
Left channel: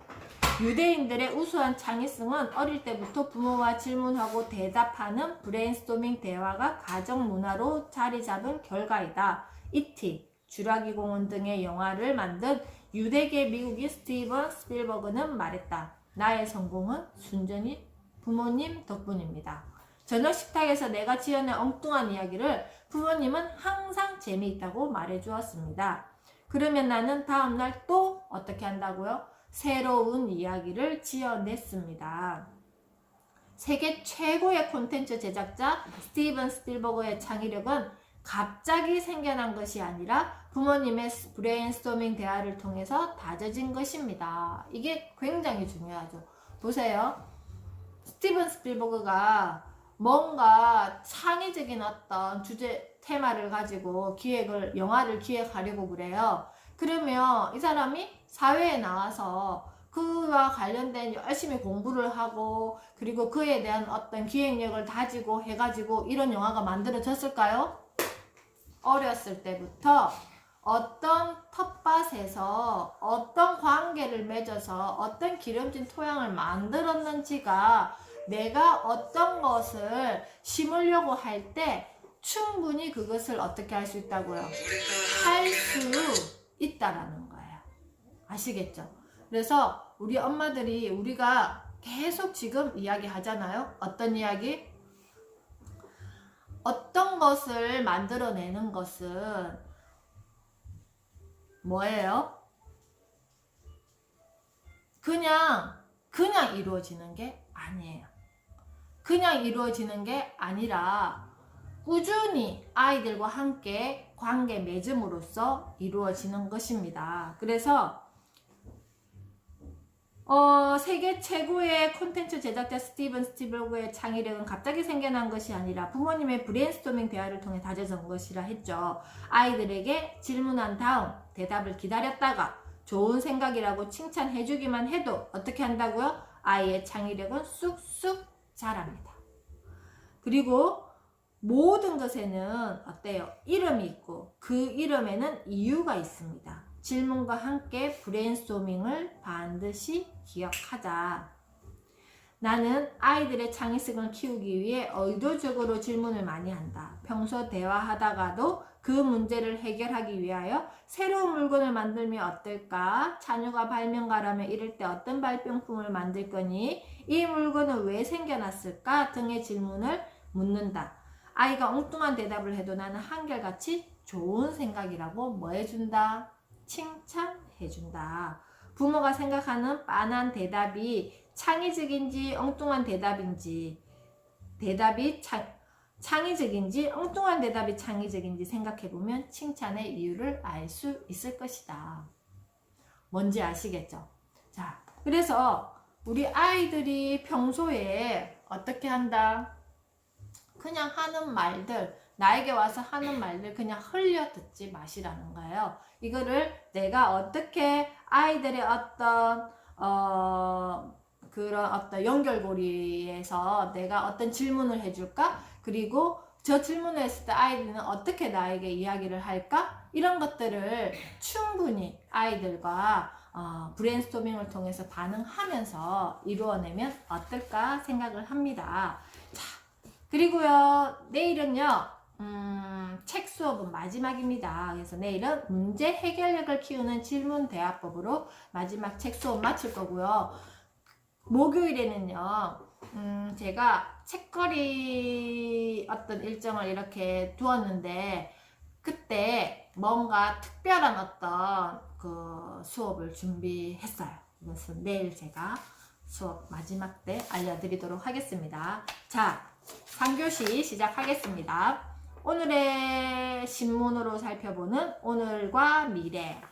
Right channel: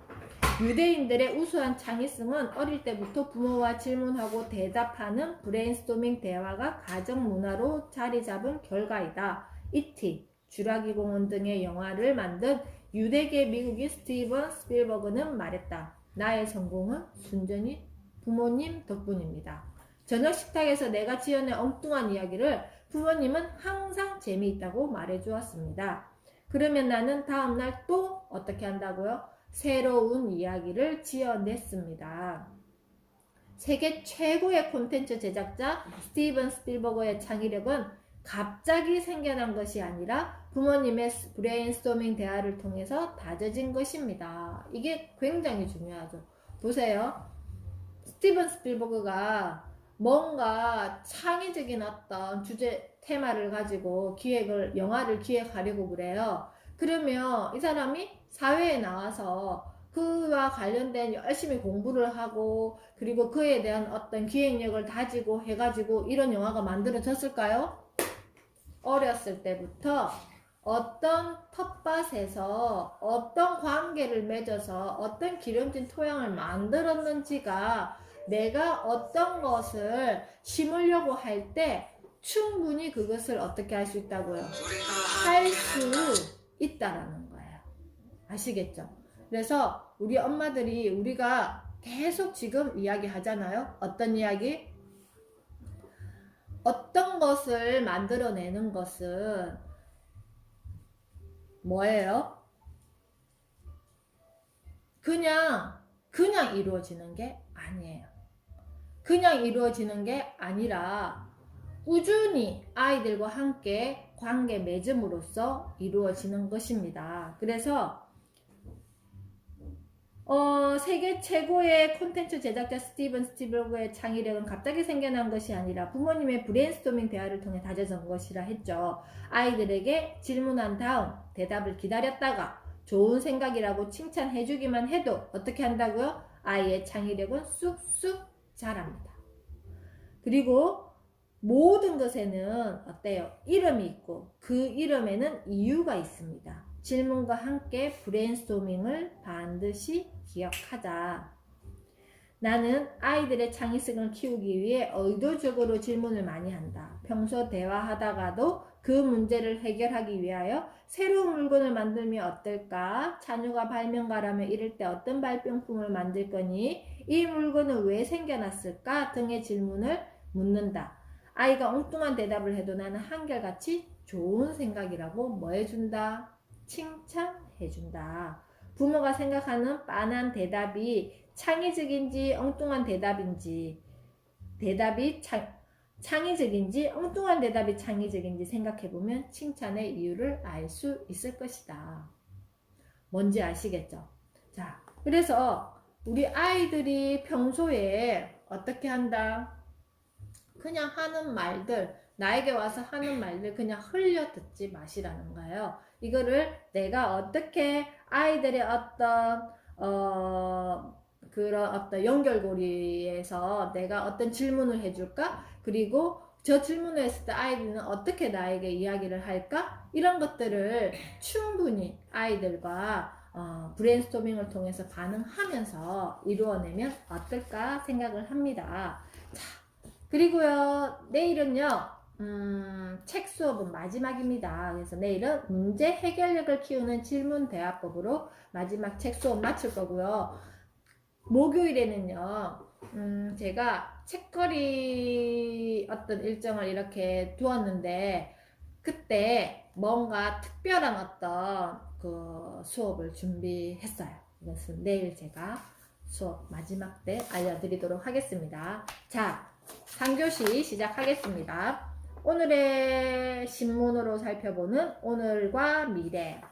유대인들의 우수한 창의성은 어릴 때부터 부모와 질문하고 대답하는 브레인스토밍 대화가 가정 문화로 자리 잡은 결과이다. E.T., 쥐라기 공원 등의 영화를 만든 유대계 미국인 스티븐 스필버그는 말했다. 나의 성공은 순전히 부모님 덕분입니다. 저녁 식탁에서 내가 지어낸 엉뚱한 이야기를 부모님은 항상 재미있다고 말해주었습니다. 그러면 나는 다음날 또 어떻게 한다고요? 새로운 이야기를 지어냈습니다. 세계 최고의 콘텐츠 제작자 스티븐 스필버그의 창의력은 갑자기 생겨난 것이 아니라 부모님의 브레인스토밍 대화를 통해서 다져진 것입니다. 이게 굉장히 중요하죠. 보세요. 스티븐 스필버그가 뭔가 창의적인 어떤 주제 테마를 가지고 영화를 기획하려고 그래요. 그러면 이 사람이 사회에 나와서 그와 관련된 열심히 공부를 하고 그리고 그에 대한 어떤 기획력을 다지고 해가지고 이런 영화가 만들어졌을까요? 어렸을 때부터 어떤 텃밭에서 어떤 관계를 맺어서 어떤 기름진 토양을 만들었는지가 내가 어떤 것을 심으려고 할 때 충분히 그것을 어떻게 할 수 있다고요? 할 수 있다라는 거예요. 아시겠죠? 그래서 우리 엄마들이 우리가 계속 지금 이야기 하잖아요. 어떤 이야기? 어떤 것을 만들어내는 것은 뭐예요? 그냥 이루어지는 게 아니에요. 그냥 이루어지는 게 아니라 꾸준히 아이들과 함께 관계 맺음으로써 이루어지는 것입니다. 그래서 세계 최고의 콘텐츠 제작자 스티븐 스필버그의 창의력은 갑자기 생겨난 것이 아니라 부모님의 브레인스토밍 대화를 통해 다져진 것이라 했죠. 아이들에게 질문한 다음 대답을 기다렸다가 좋은 생각이라고 칭찬해주기만 해도 어떻게 한다고요? 아이의 창의력은 쑥쑥 자랍니다. 그리고 모든 것에는 어때요? 이름이 있고 그 이름에는 이유가 있습니다. 질문과 함께 브레인스토밍을 반드시 기억하자. 나는 아이들의 창의성을 키우기 위해 의도적으로 질문을 많이 한다. 평소 대화하다가도 그 문제를 해결하기 위하여 새로운 물건을 만들면 어떨까? 자녀가 발명가라면 이럴 때 어떤 발명품을 만들 거니? 이 물건은 왜 생겨났을까? 등의 질문을 묻는다. 아이가 엉뚱한 대답을 해도 나는 한결같이 좋은 생각이라고 뭐 해준다? 칭찬해준다. 부모가 생각하는 빤한 대답이 창의적인지 엉뚱한 대답인지 창의적인지 엉뚱한 대답이 창의적인지 생각해보면 칭찬의 이유를 알 수 있을 것이다. 뭔지 아시겠죠? 자, 그래서 우리 아이들이 평소에 어떻게 한다? 그냥 하는 말들, 나에게 와서 하는 말들 그냥 흘려 듣지 마시라는 거예요. 이거를 내가 어떻게 아이들의 어떤 그런 어떤 연결고리에서 내가 어떤 질문을 해줄까? 그리고 저 질문을 했을 때 아이들은 어떻게 나에게 이야기를 할까? 이런 것들을 충분히 아이들과 브레인스토밍을 통해서 반응하면서 이루어내면 어떨까 생각을 합니다. 자, 그리고요, 내일은요, 책 수업은 마지막입니다. 그래서 내일은 문제 해결력을 키우는 질문 대화법으로 마지막 책 수업 마칠 거고요. 목요일에는요, 제가 책거리 어떤 일정을 이렇게 두었는데, 그때 뭔가 특별한 어떤 그 수업을 준비했어요. 그래서 내일 제가 수업 마지막 때 알려드리도록 하겠습니다. 자, 3교시 시작하겠습니다. 오늘의 신문으로 살펴보는 오늘과 미래.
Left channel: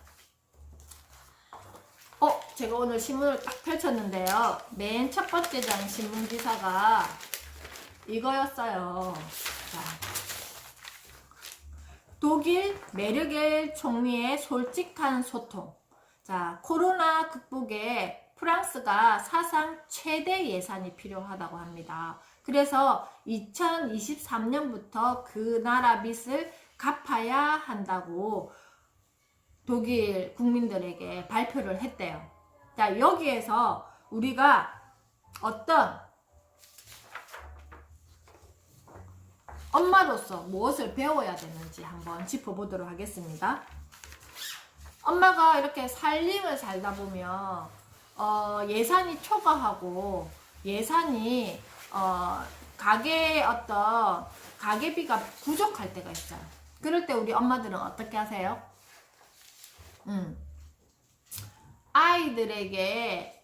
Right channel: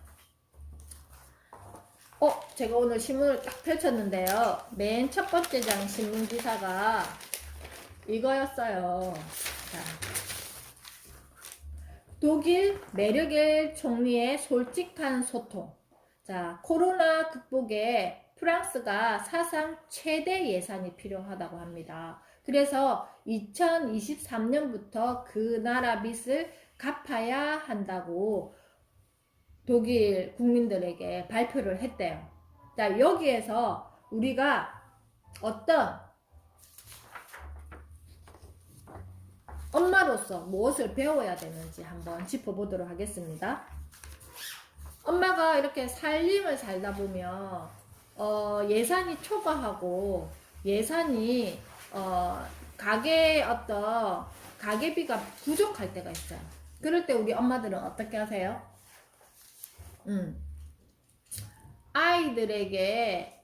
제가 오늘 신문을 딱 펼쳤는데요. 맨 첫 번째 장 신문 기사가 이거였어요. 자, 독일 메르겔 총리의 솔직한 소통. 자, 코로나 극복에 프랑스가 사상 최대 예산이 필요하다고 합니다. 그래서 2023년부터 그 나라 빚을 갚아야 한다고 독일 국민들에게 발표를 했대요. 자, 여기에서 우리가 어떤 엄마로서 무엇을 배워야 되는지 한번 짚어보도록 하겠습니다. 엄마가 이렇게 살림을 살다 보면 예산이 초과하고 예산이 가게의 어떤 가게비가 부족할 때가 있어요. 그럴 때 우리 엄마들은 어떻게 하세요? 아이들에게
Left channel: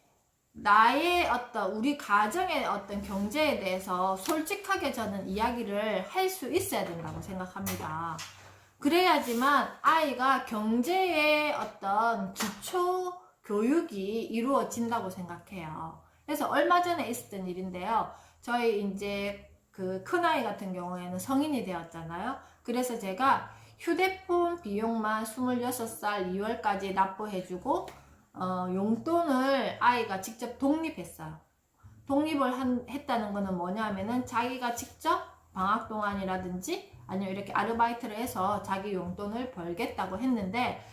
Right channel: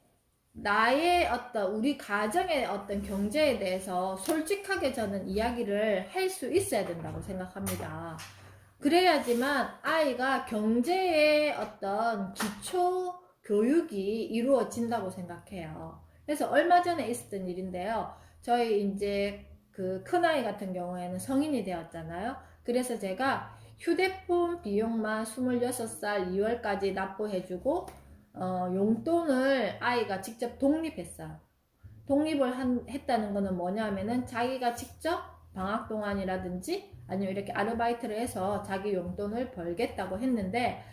나의 어떤 우리 가정의 어떤 경제에 대해서 솔직하게 저는 이야기를 할 수 있어야 된다고 생각합니다. 그래야지만 아이가 경제의 어떤 기초 교육이 이루어진다고 생각해요. 그래서 얼마 전에 있었던 일인데요. 저희 이제 그 큰아이 같은 경우에는 성인이 되었잖아요. 그래서 제가 휴대폰 비용만 26살 2월까지 납부해주고 용돈을 아이가 직접 독립했어요. 독립을 했다는 거는 뭐냐면은 자기가 직접 방학 동안이라든지 아니면 이렇게 아르바이트를 해서 자기 용돈을 벌겠다고 했는데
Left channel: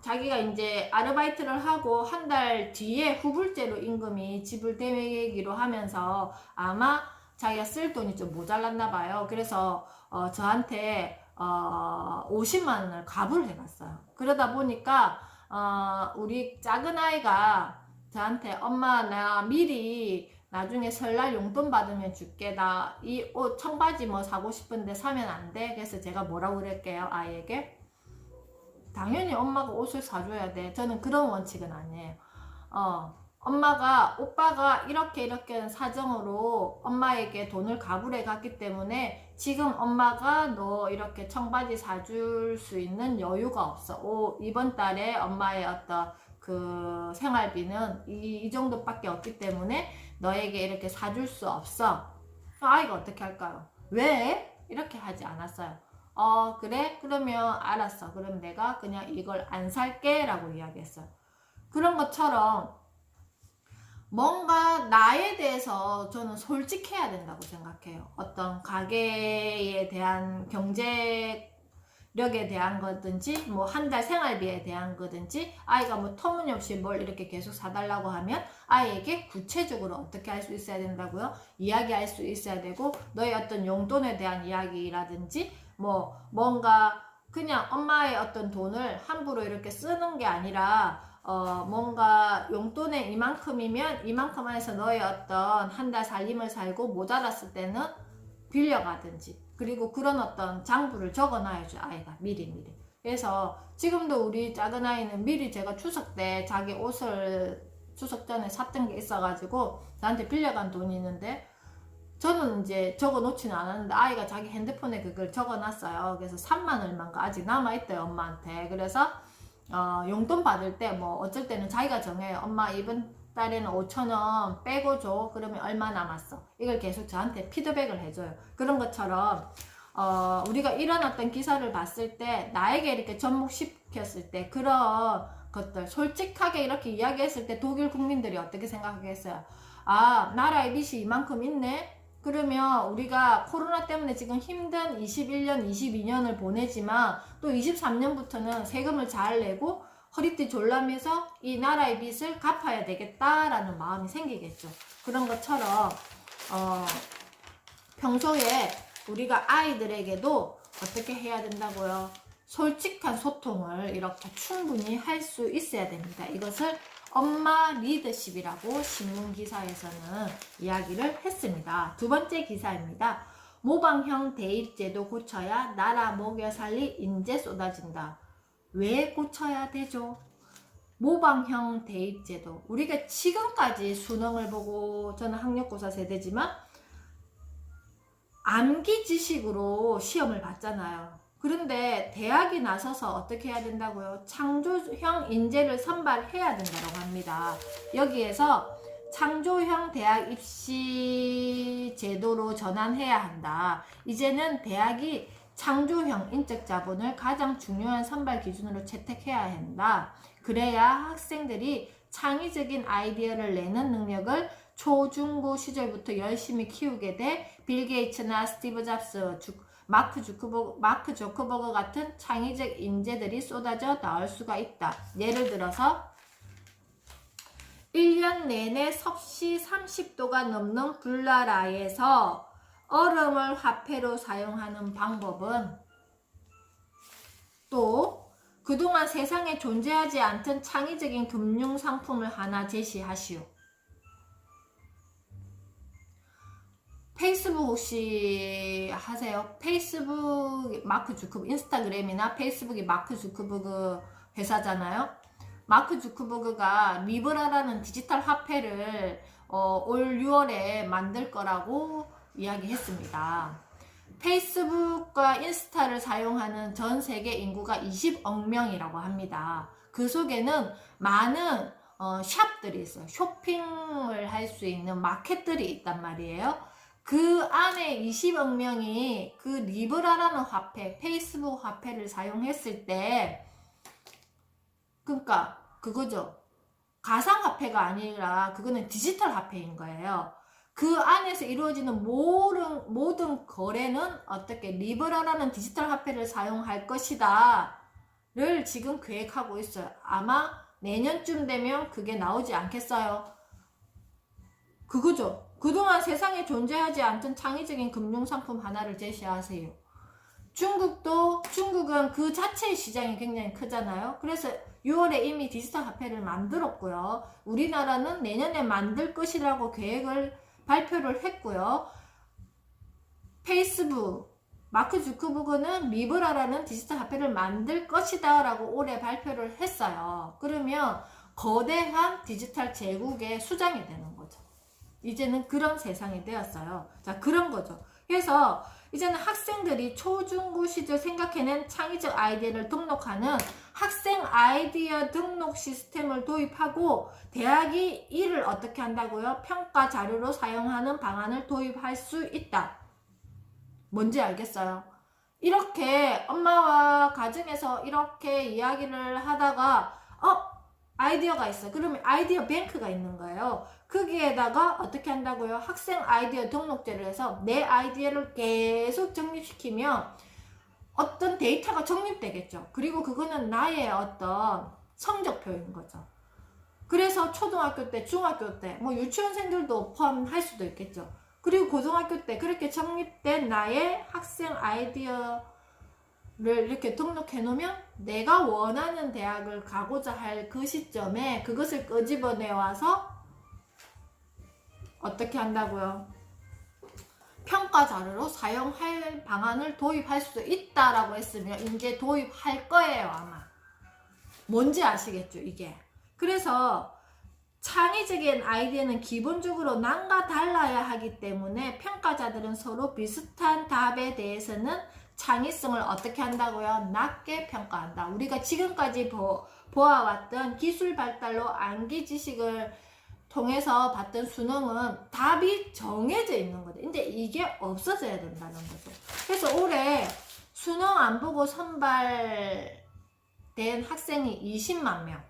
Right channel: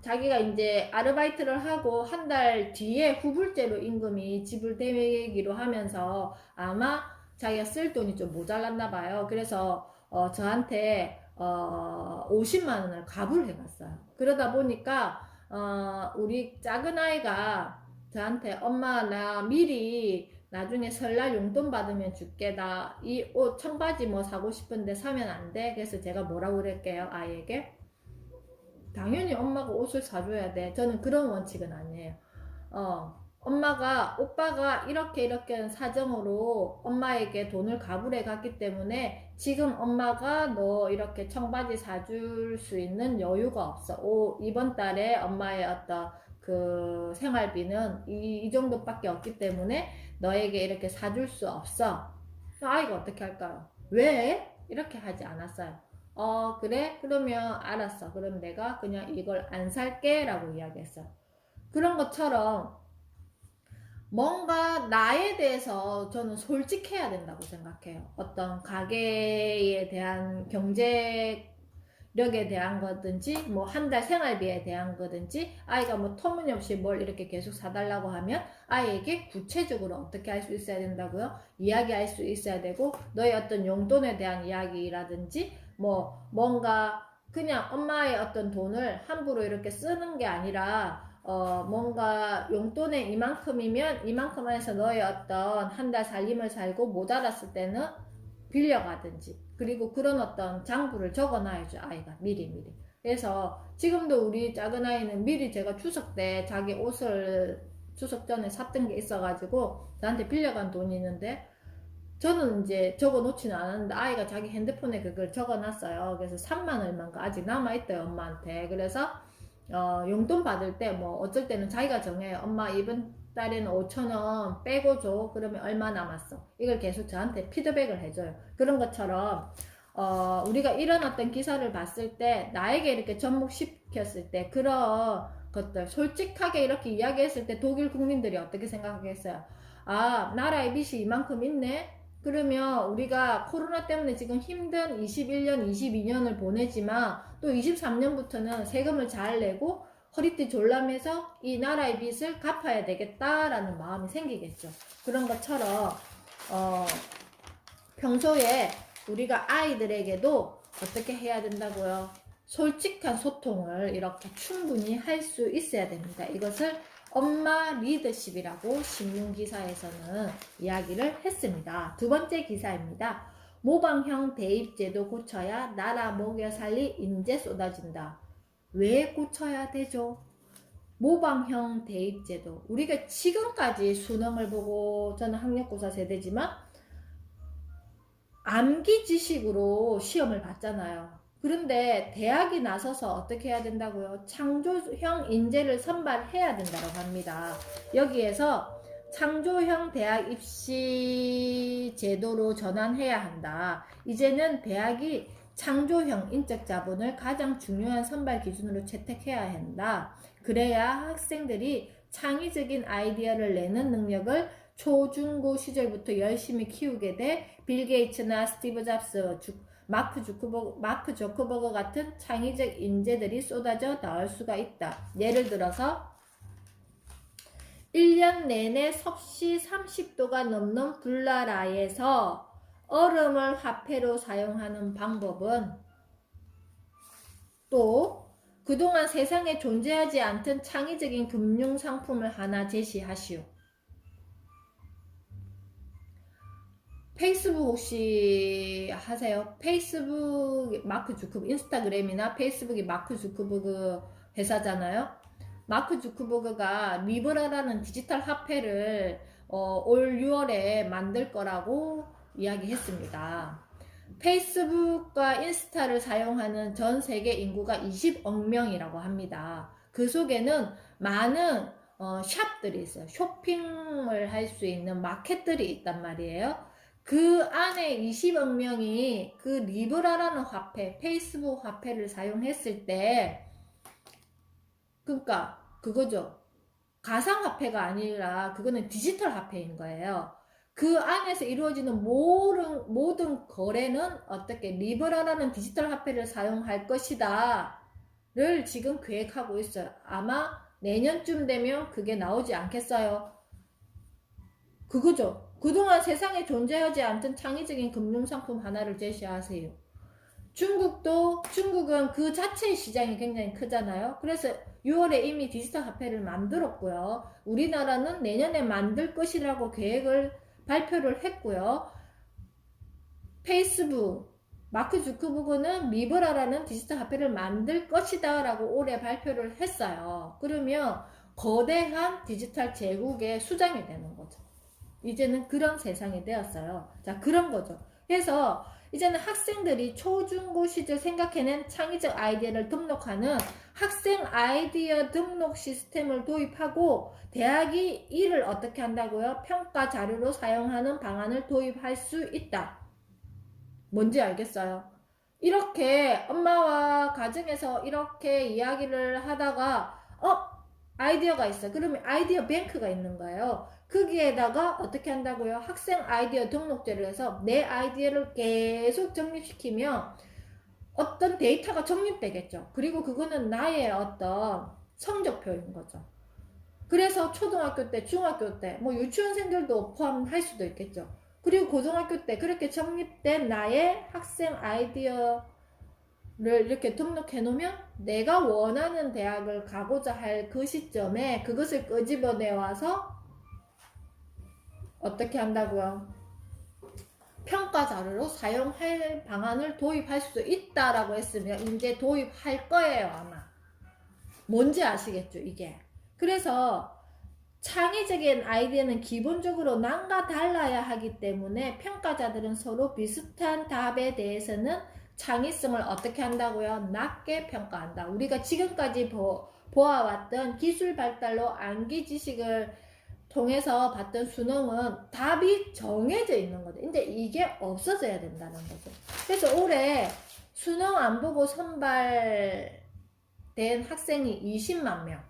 자기가 이제 아르바이트를 하고 한 달 뒤에 후불제로 임금이 지불되기로 하면서 아마 자기가 쓸 돈이 좀 모자랐나 봐요. 그래서 저한테 50만 원을 갑을 해갔어요. 그러다 보니까 우리 작은 아이가 저한테 엄마 나 미리 나중에 설날 용돈 받으면 줄게. 나 이 옷 청바지 뭐 사고 싶은데 사면 안 돼? 그래서 제가 뭐라고 그랬게요? 아이에게 당연히 엄마가 옷을 사줘야 돼. 저는 그런 원칙은 아니에요. 오빠가 이렇게 사정으로 엄마에게 돈을 가불해 갔기 때문에 지금 엄마가 너 이렇게 청바지 사줄 수 있는 여유가 없어. 이번 달에 엄마의 어떤 그 생활비는 이 정도밖에 없기 때문에 너에게 이렇게 사줄 수 없어. 아이가 어떻게 할까요? 왜? 이렇게 하지 않았어요. 그래? 그러면 알았어. 그럼 내가 그냥 이걸 안 살게 라고 이야기했어요. 그런 것처럼 뭔가 나에 대해서 저는 솔직해야 된다고 생각해요. 어떤 가게에 대한 경제력에 대한 거든지 뭐 한 달 생활비에 대한 거든지 아이가 뭐 터무니없이 뭘 이렇게 계속 사달라고 하면 아이에게 구체적으로 어떻게 할 수 있어야 된다고요? 이야기할 수 있어야 되고 너의 어떤 용돈에 대한 이야기라든지 뭐 뭔가 그냥 엄마의 어떤 돈을 함부로 이렇게 쓰는 게 아니라 뭔가 용돈에 이만큼이면 이만큼 안에서 너의 어떤 한 달 살림을 살고 모자랐을 때는 빌려가든지 그리고 그런 어떤 장부를 적어놔야죠. 아이가 미리. 그래서 지금도 우리 작은 아이는 미리 제가 추석 때 자기 옷을 추석 전에 샀던 게 있어가지고 저한테 빌려간 돈이 있는데 저는 이제 적어 놓지는 않았는데 아이가 자기 핸드폰에 그걸 적어 놨어요. 그래서 3만 얼마인가 아직 남아있대요, 엄마한테. 그래서 용돈 받을 때 뭐 어쩔 때는 자기가 정해요. 엄마 이번 달에는 5,000원 빼고 줘. 그러면 얼마 남았어? 이걸 계속 저한테 피드백을 해줘요. 그런 것처럼 우리가 이런 어떤 기사를 봤을 때 나에게 이렇게 접목시켰을 때 그런 것들 솔직하게 이렇게 이야기했을 때 독일 국민들이 어떻게 생각하겠어요? 나라의 빚이 이만큼 있네? 그러면 우리가 코로나 때문에 지금 힘든 21년, 22년을 보내지만 또 23년부터는 세금을 잘 내고 허리띠 졸라매서 이 나라의 빚을 갚아야 되겠다라는 마음이 생기겠죠. 그런 것처럼 평소에 우리가 아이들에게도 어떻게 해야 된다고요? 솔직한 소통을 이렇게 충분히 할 수 있어야 됩니다. 이것을 엄마 리더십이라고 신문기사에서는 이야기를 했습니다. 두 번째 기사입니다. 모방형 대입제도 고쳐야 나라 먹여 살릴 인재 쏟아진다. 왜 고쳐야 되죠? 모방형 대입제도. 우리가 지금까지 수능을 보고, 저는 학력고사 세대지만 암기 지식으로 시험을 봤잖아요. 그런데 대학이 나서서 어떻게 해야 된다고요? 창조형 인재를 선발해야 된다고 합니다. 여기에서 창조형 대학 입시 제도로 전환해야 한다. 이제는 대학이 창조형 인적 자본을 가장 중요한 선발 기준으로 채택해야 한다. 그래야 학생들이 창의적인 아이디어를 내는 능력을 초중고 시절부터 열심히 키우게 돼 빌 게이츠나 스티브 잡스, 마크 조크버거 같은 창의적 인재들이 쏟아져 나올 수가 있다. 예를 들어서 1년 내내 섭씨 30도가 넘는 불나라에서 얼음을 화폐로 사용하는 방법은, 또 그동안 세상에 존재하지 않던 창의적인 금융상품을 하나 제시하시오. 페이스북 혹시 하세요? 페이스북 마크 주크버그, 인스타그램이나 페이스북이 마크 주크버그 회사잖아요. 마크 주크버그가 리브라라는 디지털 화폐를 올 6월에 만들 거라고 이야기했습니다. 페이스북과 인스타를 사용하는 전 세계 인구가 20억 명이라고 합니다. 그 속에는 많은 샵들이 있어요. 쇼핑을 할 수 있는 마켓들이 있단 말이에요. 그 안에 20억 명이 그 리브라라는 화폐, 페이스북 화폐를 사용했을 때, 그러니까 그거죠. 가상화폐가 아니라 그거는 디지털 화폐인 거예요. 그 안에서 이루어지는 모든 거래는 어떻게 리브라라는 디지털 화폐를 사용할 것이다 를 지금 계획하고 있어요. 아마 내년쯤 되면 그게 나오지 않겠어요? 그거죠. 그동안 세상에 존재하지 않던 창의적인 금융상품 하나를 제시하세요. 중국은 그 자체의 시장이 굉장히 크잖아요. 그래서 6월에 이미 디지털 화폐를 만들었고요. 우리나라는 내년에 만들 것이라고 계획을 발표를 했고요. 페이스북, 마크 주크버그는 리브라라는 디지털 화폐를 만들 것이다 라고 올해 발표를 했어요. 그러면 거대한 디지털 제국의 수장이 되는 거죠. 이제는 그런 세상이 되었어요. 자, 그런 거죠. 그래서 이제는 학생들이 초중고 시절 생각해낸 창의적 아이디어를 등록하는 학생 아이디어 등록 시스템을 도입하고, 대학이 이를 어떻게 한다고요? 평가 자료로 사용하는 방안을 도입할 수 있다. 뭔지 알겠어요? 이렇게 엄마와 가정에서 이렇게 이야기를 하다가 아이디어가 있어. 그러면 아이디어 뱅크가 있는 거예요. 거기에다가 어떻게 한다고요? 학생 아이디어 등록제를 해서 내 아이디어를 계속 정립시키면 어떤 데이터가 정립되겠죠. 그리고 그거는 나의 어떤 성적표인 거죠. 그래서 초등학교 때, 중학교 때, 뭐 유치원생들도 포함할 수도 있겠죠. 그리고 고등학교 때 그렇게 정립된 나의 학생 아이디어를 이렇게 등록해 놓으면 내가 원하는 대학을 가고자 할 그 시점에 그것을 끄집어내 와서 어떻게 한다고요? 평가 자료로 사용할 방안을 도입할 수 있다라고 했으면 이제 도입할 거예요, 아마. 뭔지 아시겠죠, 이게? 그래서 창의적인 아이디어는 기본적으로 남과 달라야 하기 때문에 평가자들은 서로 비슷한 답에 대해서는 창의성을 어떻게 한다고요? 낮게 평가한다. 우리가 지금까지 보아왔던 기술 발달로 암기 지식을 통해서 봤던 수능은 답이 정해져 있는 거죠. 근데 이게 없어져야 된다는 거죠. 그래서 올해 수능 안 보고 선발된 학생이 20만 명.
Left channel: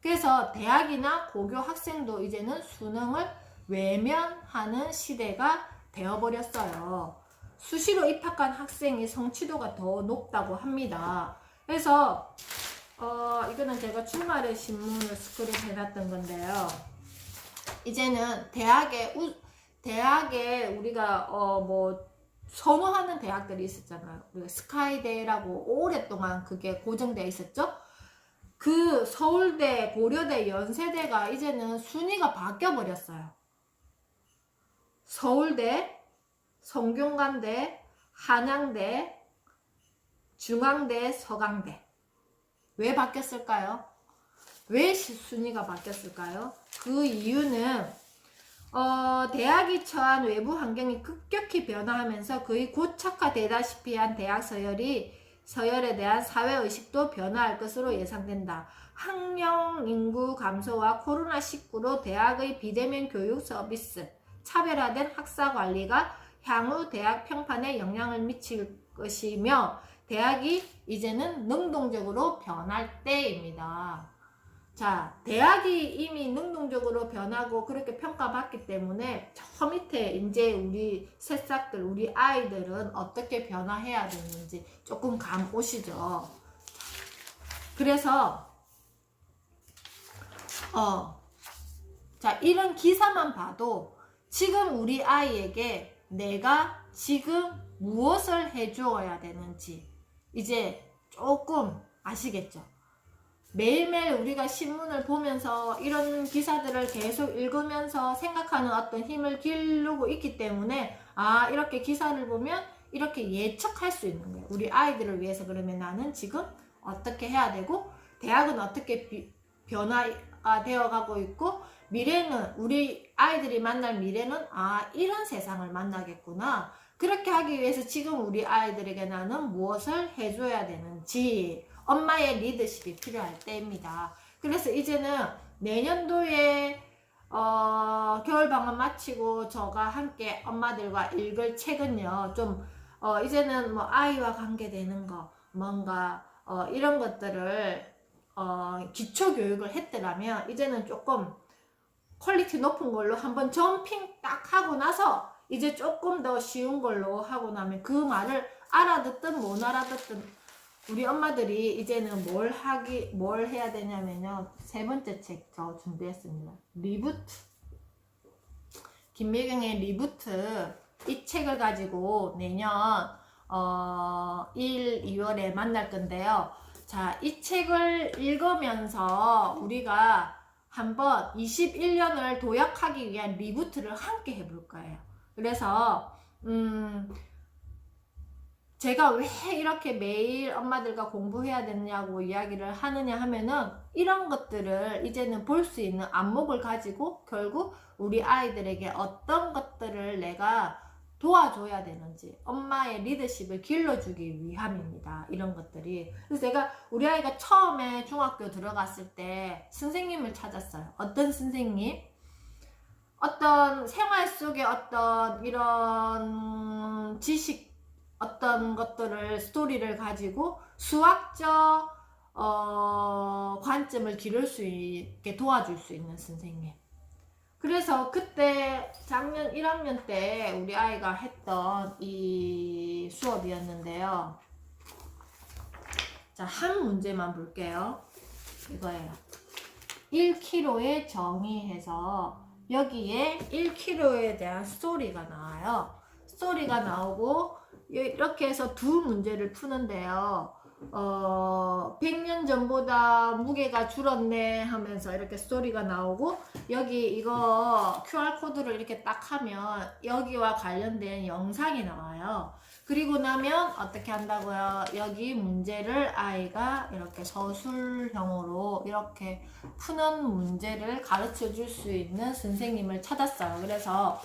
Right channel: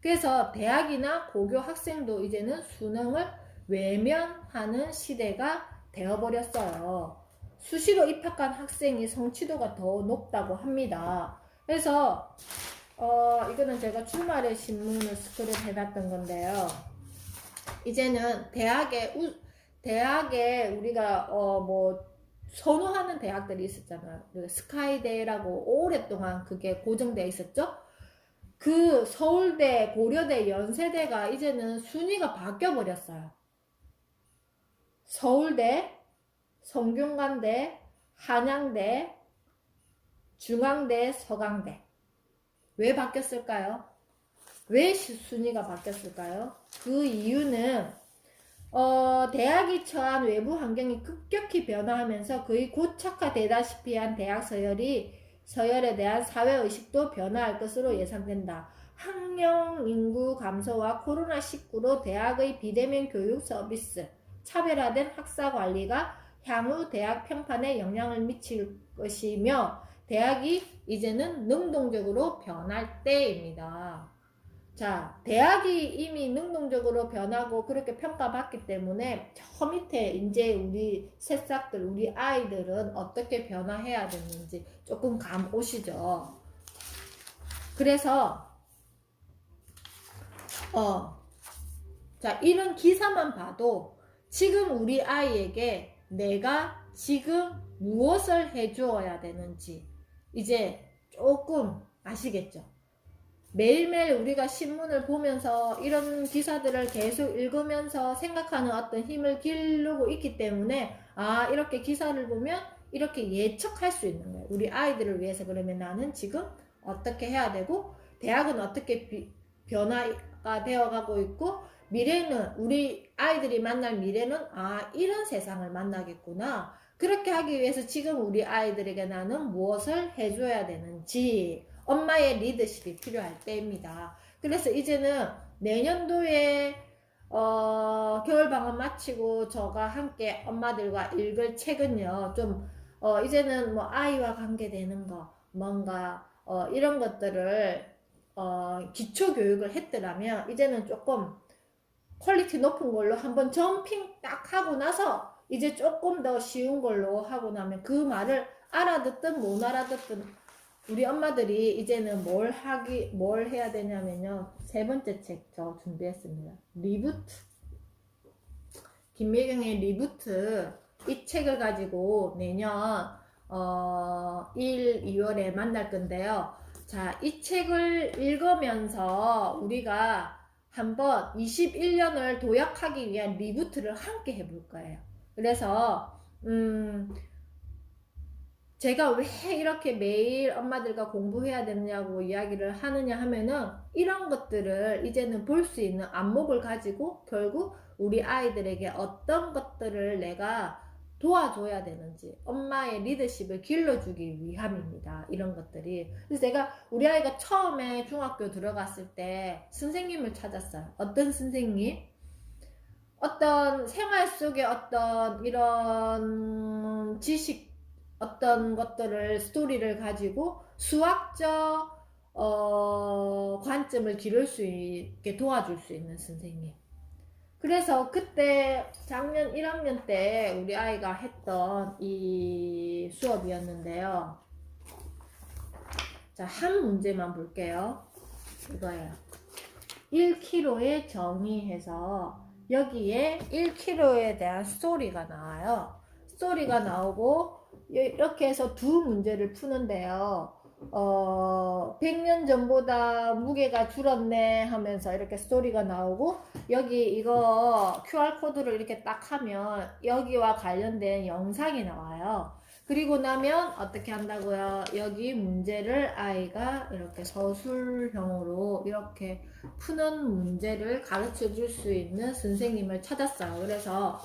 그래서 대학이나 고교 학생도 이제는 수능을 외면하는 시대가 되어버렸어요. 수시로 입학한 학생이 성취도가 더 높다고 합니다. 그래서 이거는 제가 주말에 신문을 스크립 해놨던 건데요. 이제는 대학에 우리가 뭐 선호하는 대학들이 있었잖아요. 스카이대라고 오랫동안 그게 고정되어 있었죠. 그 서울대, 고려대, 연세대가 이제는 순위가 바뀌어 버렸어요. 서울대, 성균관대, 한양대, 중앙대, 서강대. 왜 바뀌었을까요? 왜 순위가 바뀌었을까요? 그 이유는 대학이 처한 외부 환경이 급격히 변화하면서 거의 고착화되다시피 한 대학 서열에 대한 사회의식도 변화할 것으로 예상된다. 학령 인구 감소와 코로나19로 대학의 비대면 교육 서비스, 차별화된 학사 관리가 향후 대학 평판에 영향을 미칠 것이며 대학이 이제는 능동적으로 변할 때입니다. 자, 대학이 이미 능동적으로 변하고 그렇게 평가받기 때문에 저 밑에 이제 우리 새싹들, 우리 아이들은 어떻게 변화해야 되는지 조금 감 오시죠? 그래서 자, 이런 기사만 봐도 지금 우리 아이에게 내가 지금 무엇을 해주어야 되는지 이제 조금 아시겠죠? 매일매일 우리가 신문을 보면서 이런 기사들을 계속 읽으면서 생각하는 어떤 힘을 기르고 있기 때문에 이렇게 기사를 보면 이렇게 예측할 수 있는 거예요. 우리 아이들을 위해서 그러면 나는 지금 어떻게 해야 되고 대학은 어떻게 변화가 되어가고 있고 미래는 우리 아이들이 만날 미래는 이런 세상을 만나겠구나. 그렇게 하기 위해서 지금 우리 아이들에게 나는 무엇을 해줘야 되는지 엄마의 리더십이 필요할 때입니다. 그래서 이제는 내년도에 겨울방학 마치고 저가 함께 엄마들과 읽을 책은요. 좀 이제는 뭐 아이와 관계되는 거 뭔가 이런 것들을 기초교육을 했더라면 이제는 조금 퀄리티 높은 걸로 한번 점핑 딱 하고 나서 이제 조금 더 쉬운 걸로 하고 나면 그 말을 알아듣든 못 알아듣든 우리 엄마들이 이제는 뭘 해야 되냐면요. 세 번째 책 저 준비했습니다. 리부트. 김미경의 리부트. 이 책을 가지고 내년 1, 2월에 만날 건데요. 자, 이 책을 읽으면서 우리가 한번 21년을 도약하기 위한 리부트를 함께 해볼 거예요. 그래서 제가 왜 이렇게 매일 엄마들과 공부해야 되냐고 이야기를 하느냐 하면은 이런 것들을 이제는 볼 수 있는 안목을 가지고 결국 우리 아이들에게 어떤 것들을 내가 도와줘야 되는지 엄마의 리더십을 길러주기 위함입니다. 이런 것들이. 그래서 제가 우리 아이가 처음에 중학교 들어갔을 때 선생님을 찾았어요. 어떤 선생님? 어떤 생활 속에 어떤 이런 지식 어떤 것들을 스토리를 가지고 수학적 관점을 기를 수 있게 도와줄 수 있는 선생님. 그래서 그때 작년 1학년 때 우리 아이가 했던 이 수업이었는데요. 자, 한 문제만 볼게요. 이거예요. 1kg의 정의해서 여기에 1kg에 대한 스토리가 나와요. 스토리가 나오고 이렇게 해서 두 문제를 푸는데요. 100년 전보다 무게가 줄었네 하면서 이렇게 스토리가 나오고 여기 이거 QR코드를 이렇게 딱 하면 여기와 관련된 영상이 나와요. 그리고 나면 어떻게 한다고요? 여기 문제를 아이가 이렇게 서술형으로 이렇게 푸는 문제를 가르쳐 줄 수 있는 선생님을 찾았어요. 그래서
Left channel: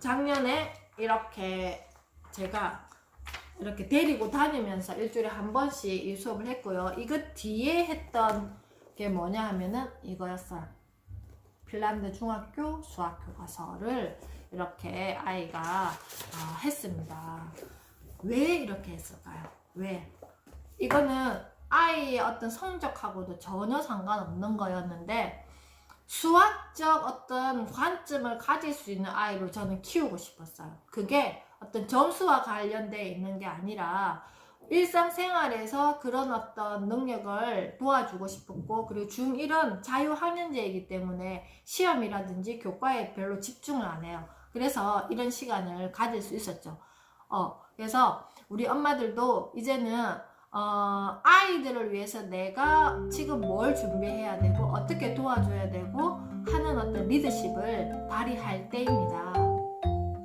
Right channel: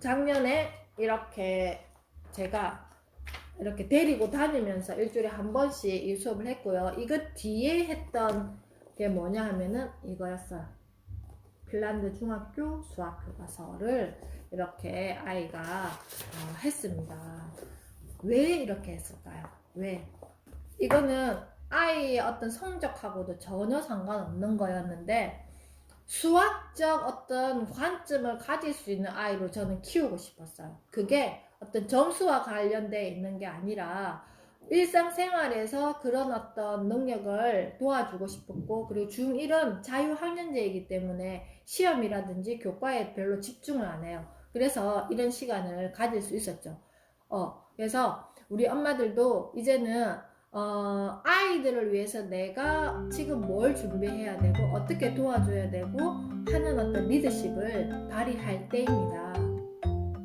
작년에 이렇게 제가 이렇게 데리고 다니면서 일주일에 한 번씩 이 수업을 했고요. 이거 뒤에 했던 게 뭐냐 하면은 이거였어요. 핀란드 중학교 수학 교과서를 이렇게 아이가 했습니다. 왜 이렇게 했을까요? 왜? 이거는 아이의 어떤 성적하고도 전혀 상관없는 거였는데 수학적 어떤 관점을 가질 수 있는 아이로 저는 키우고 싶었어요. 그게 어떤 점수와 관련되어 있는 게 아니라 일상생활에서 그런 어떤 능력을 도와주고 싶었고, 그리고 중1은 자유학년제이기 때문에 시험이라든지 교과에 별로 집중을 안 해요. 그래서 이런 시간을 가질 수 있었죠. 그래서 우리 엄마들도 이제는 아이들을 위해서 내가 지금 뭘 준비해야 되고 어떻게 도와줘야 되고 하는 어떤 리더십을 발휘할 때입니다.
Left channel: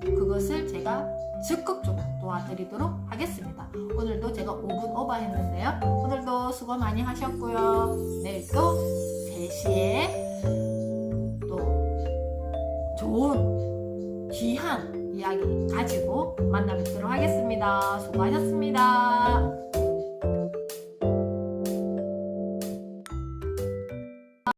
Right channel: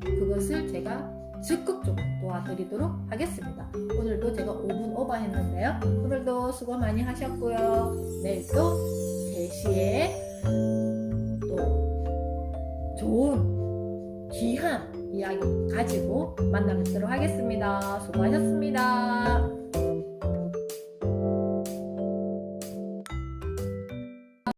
그것을 제가 적극적으로 도와드리도록 하겠습니다. 오늘도 제가 5분 오버 했는데요. 오늘도 수고 많이 하셨고요. 내일도 3시에 또 좋은 귀한 이야기 가지고 만나뵙도록 하겠습니다.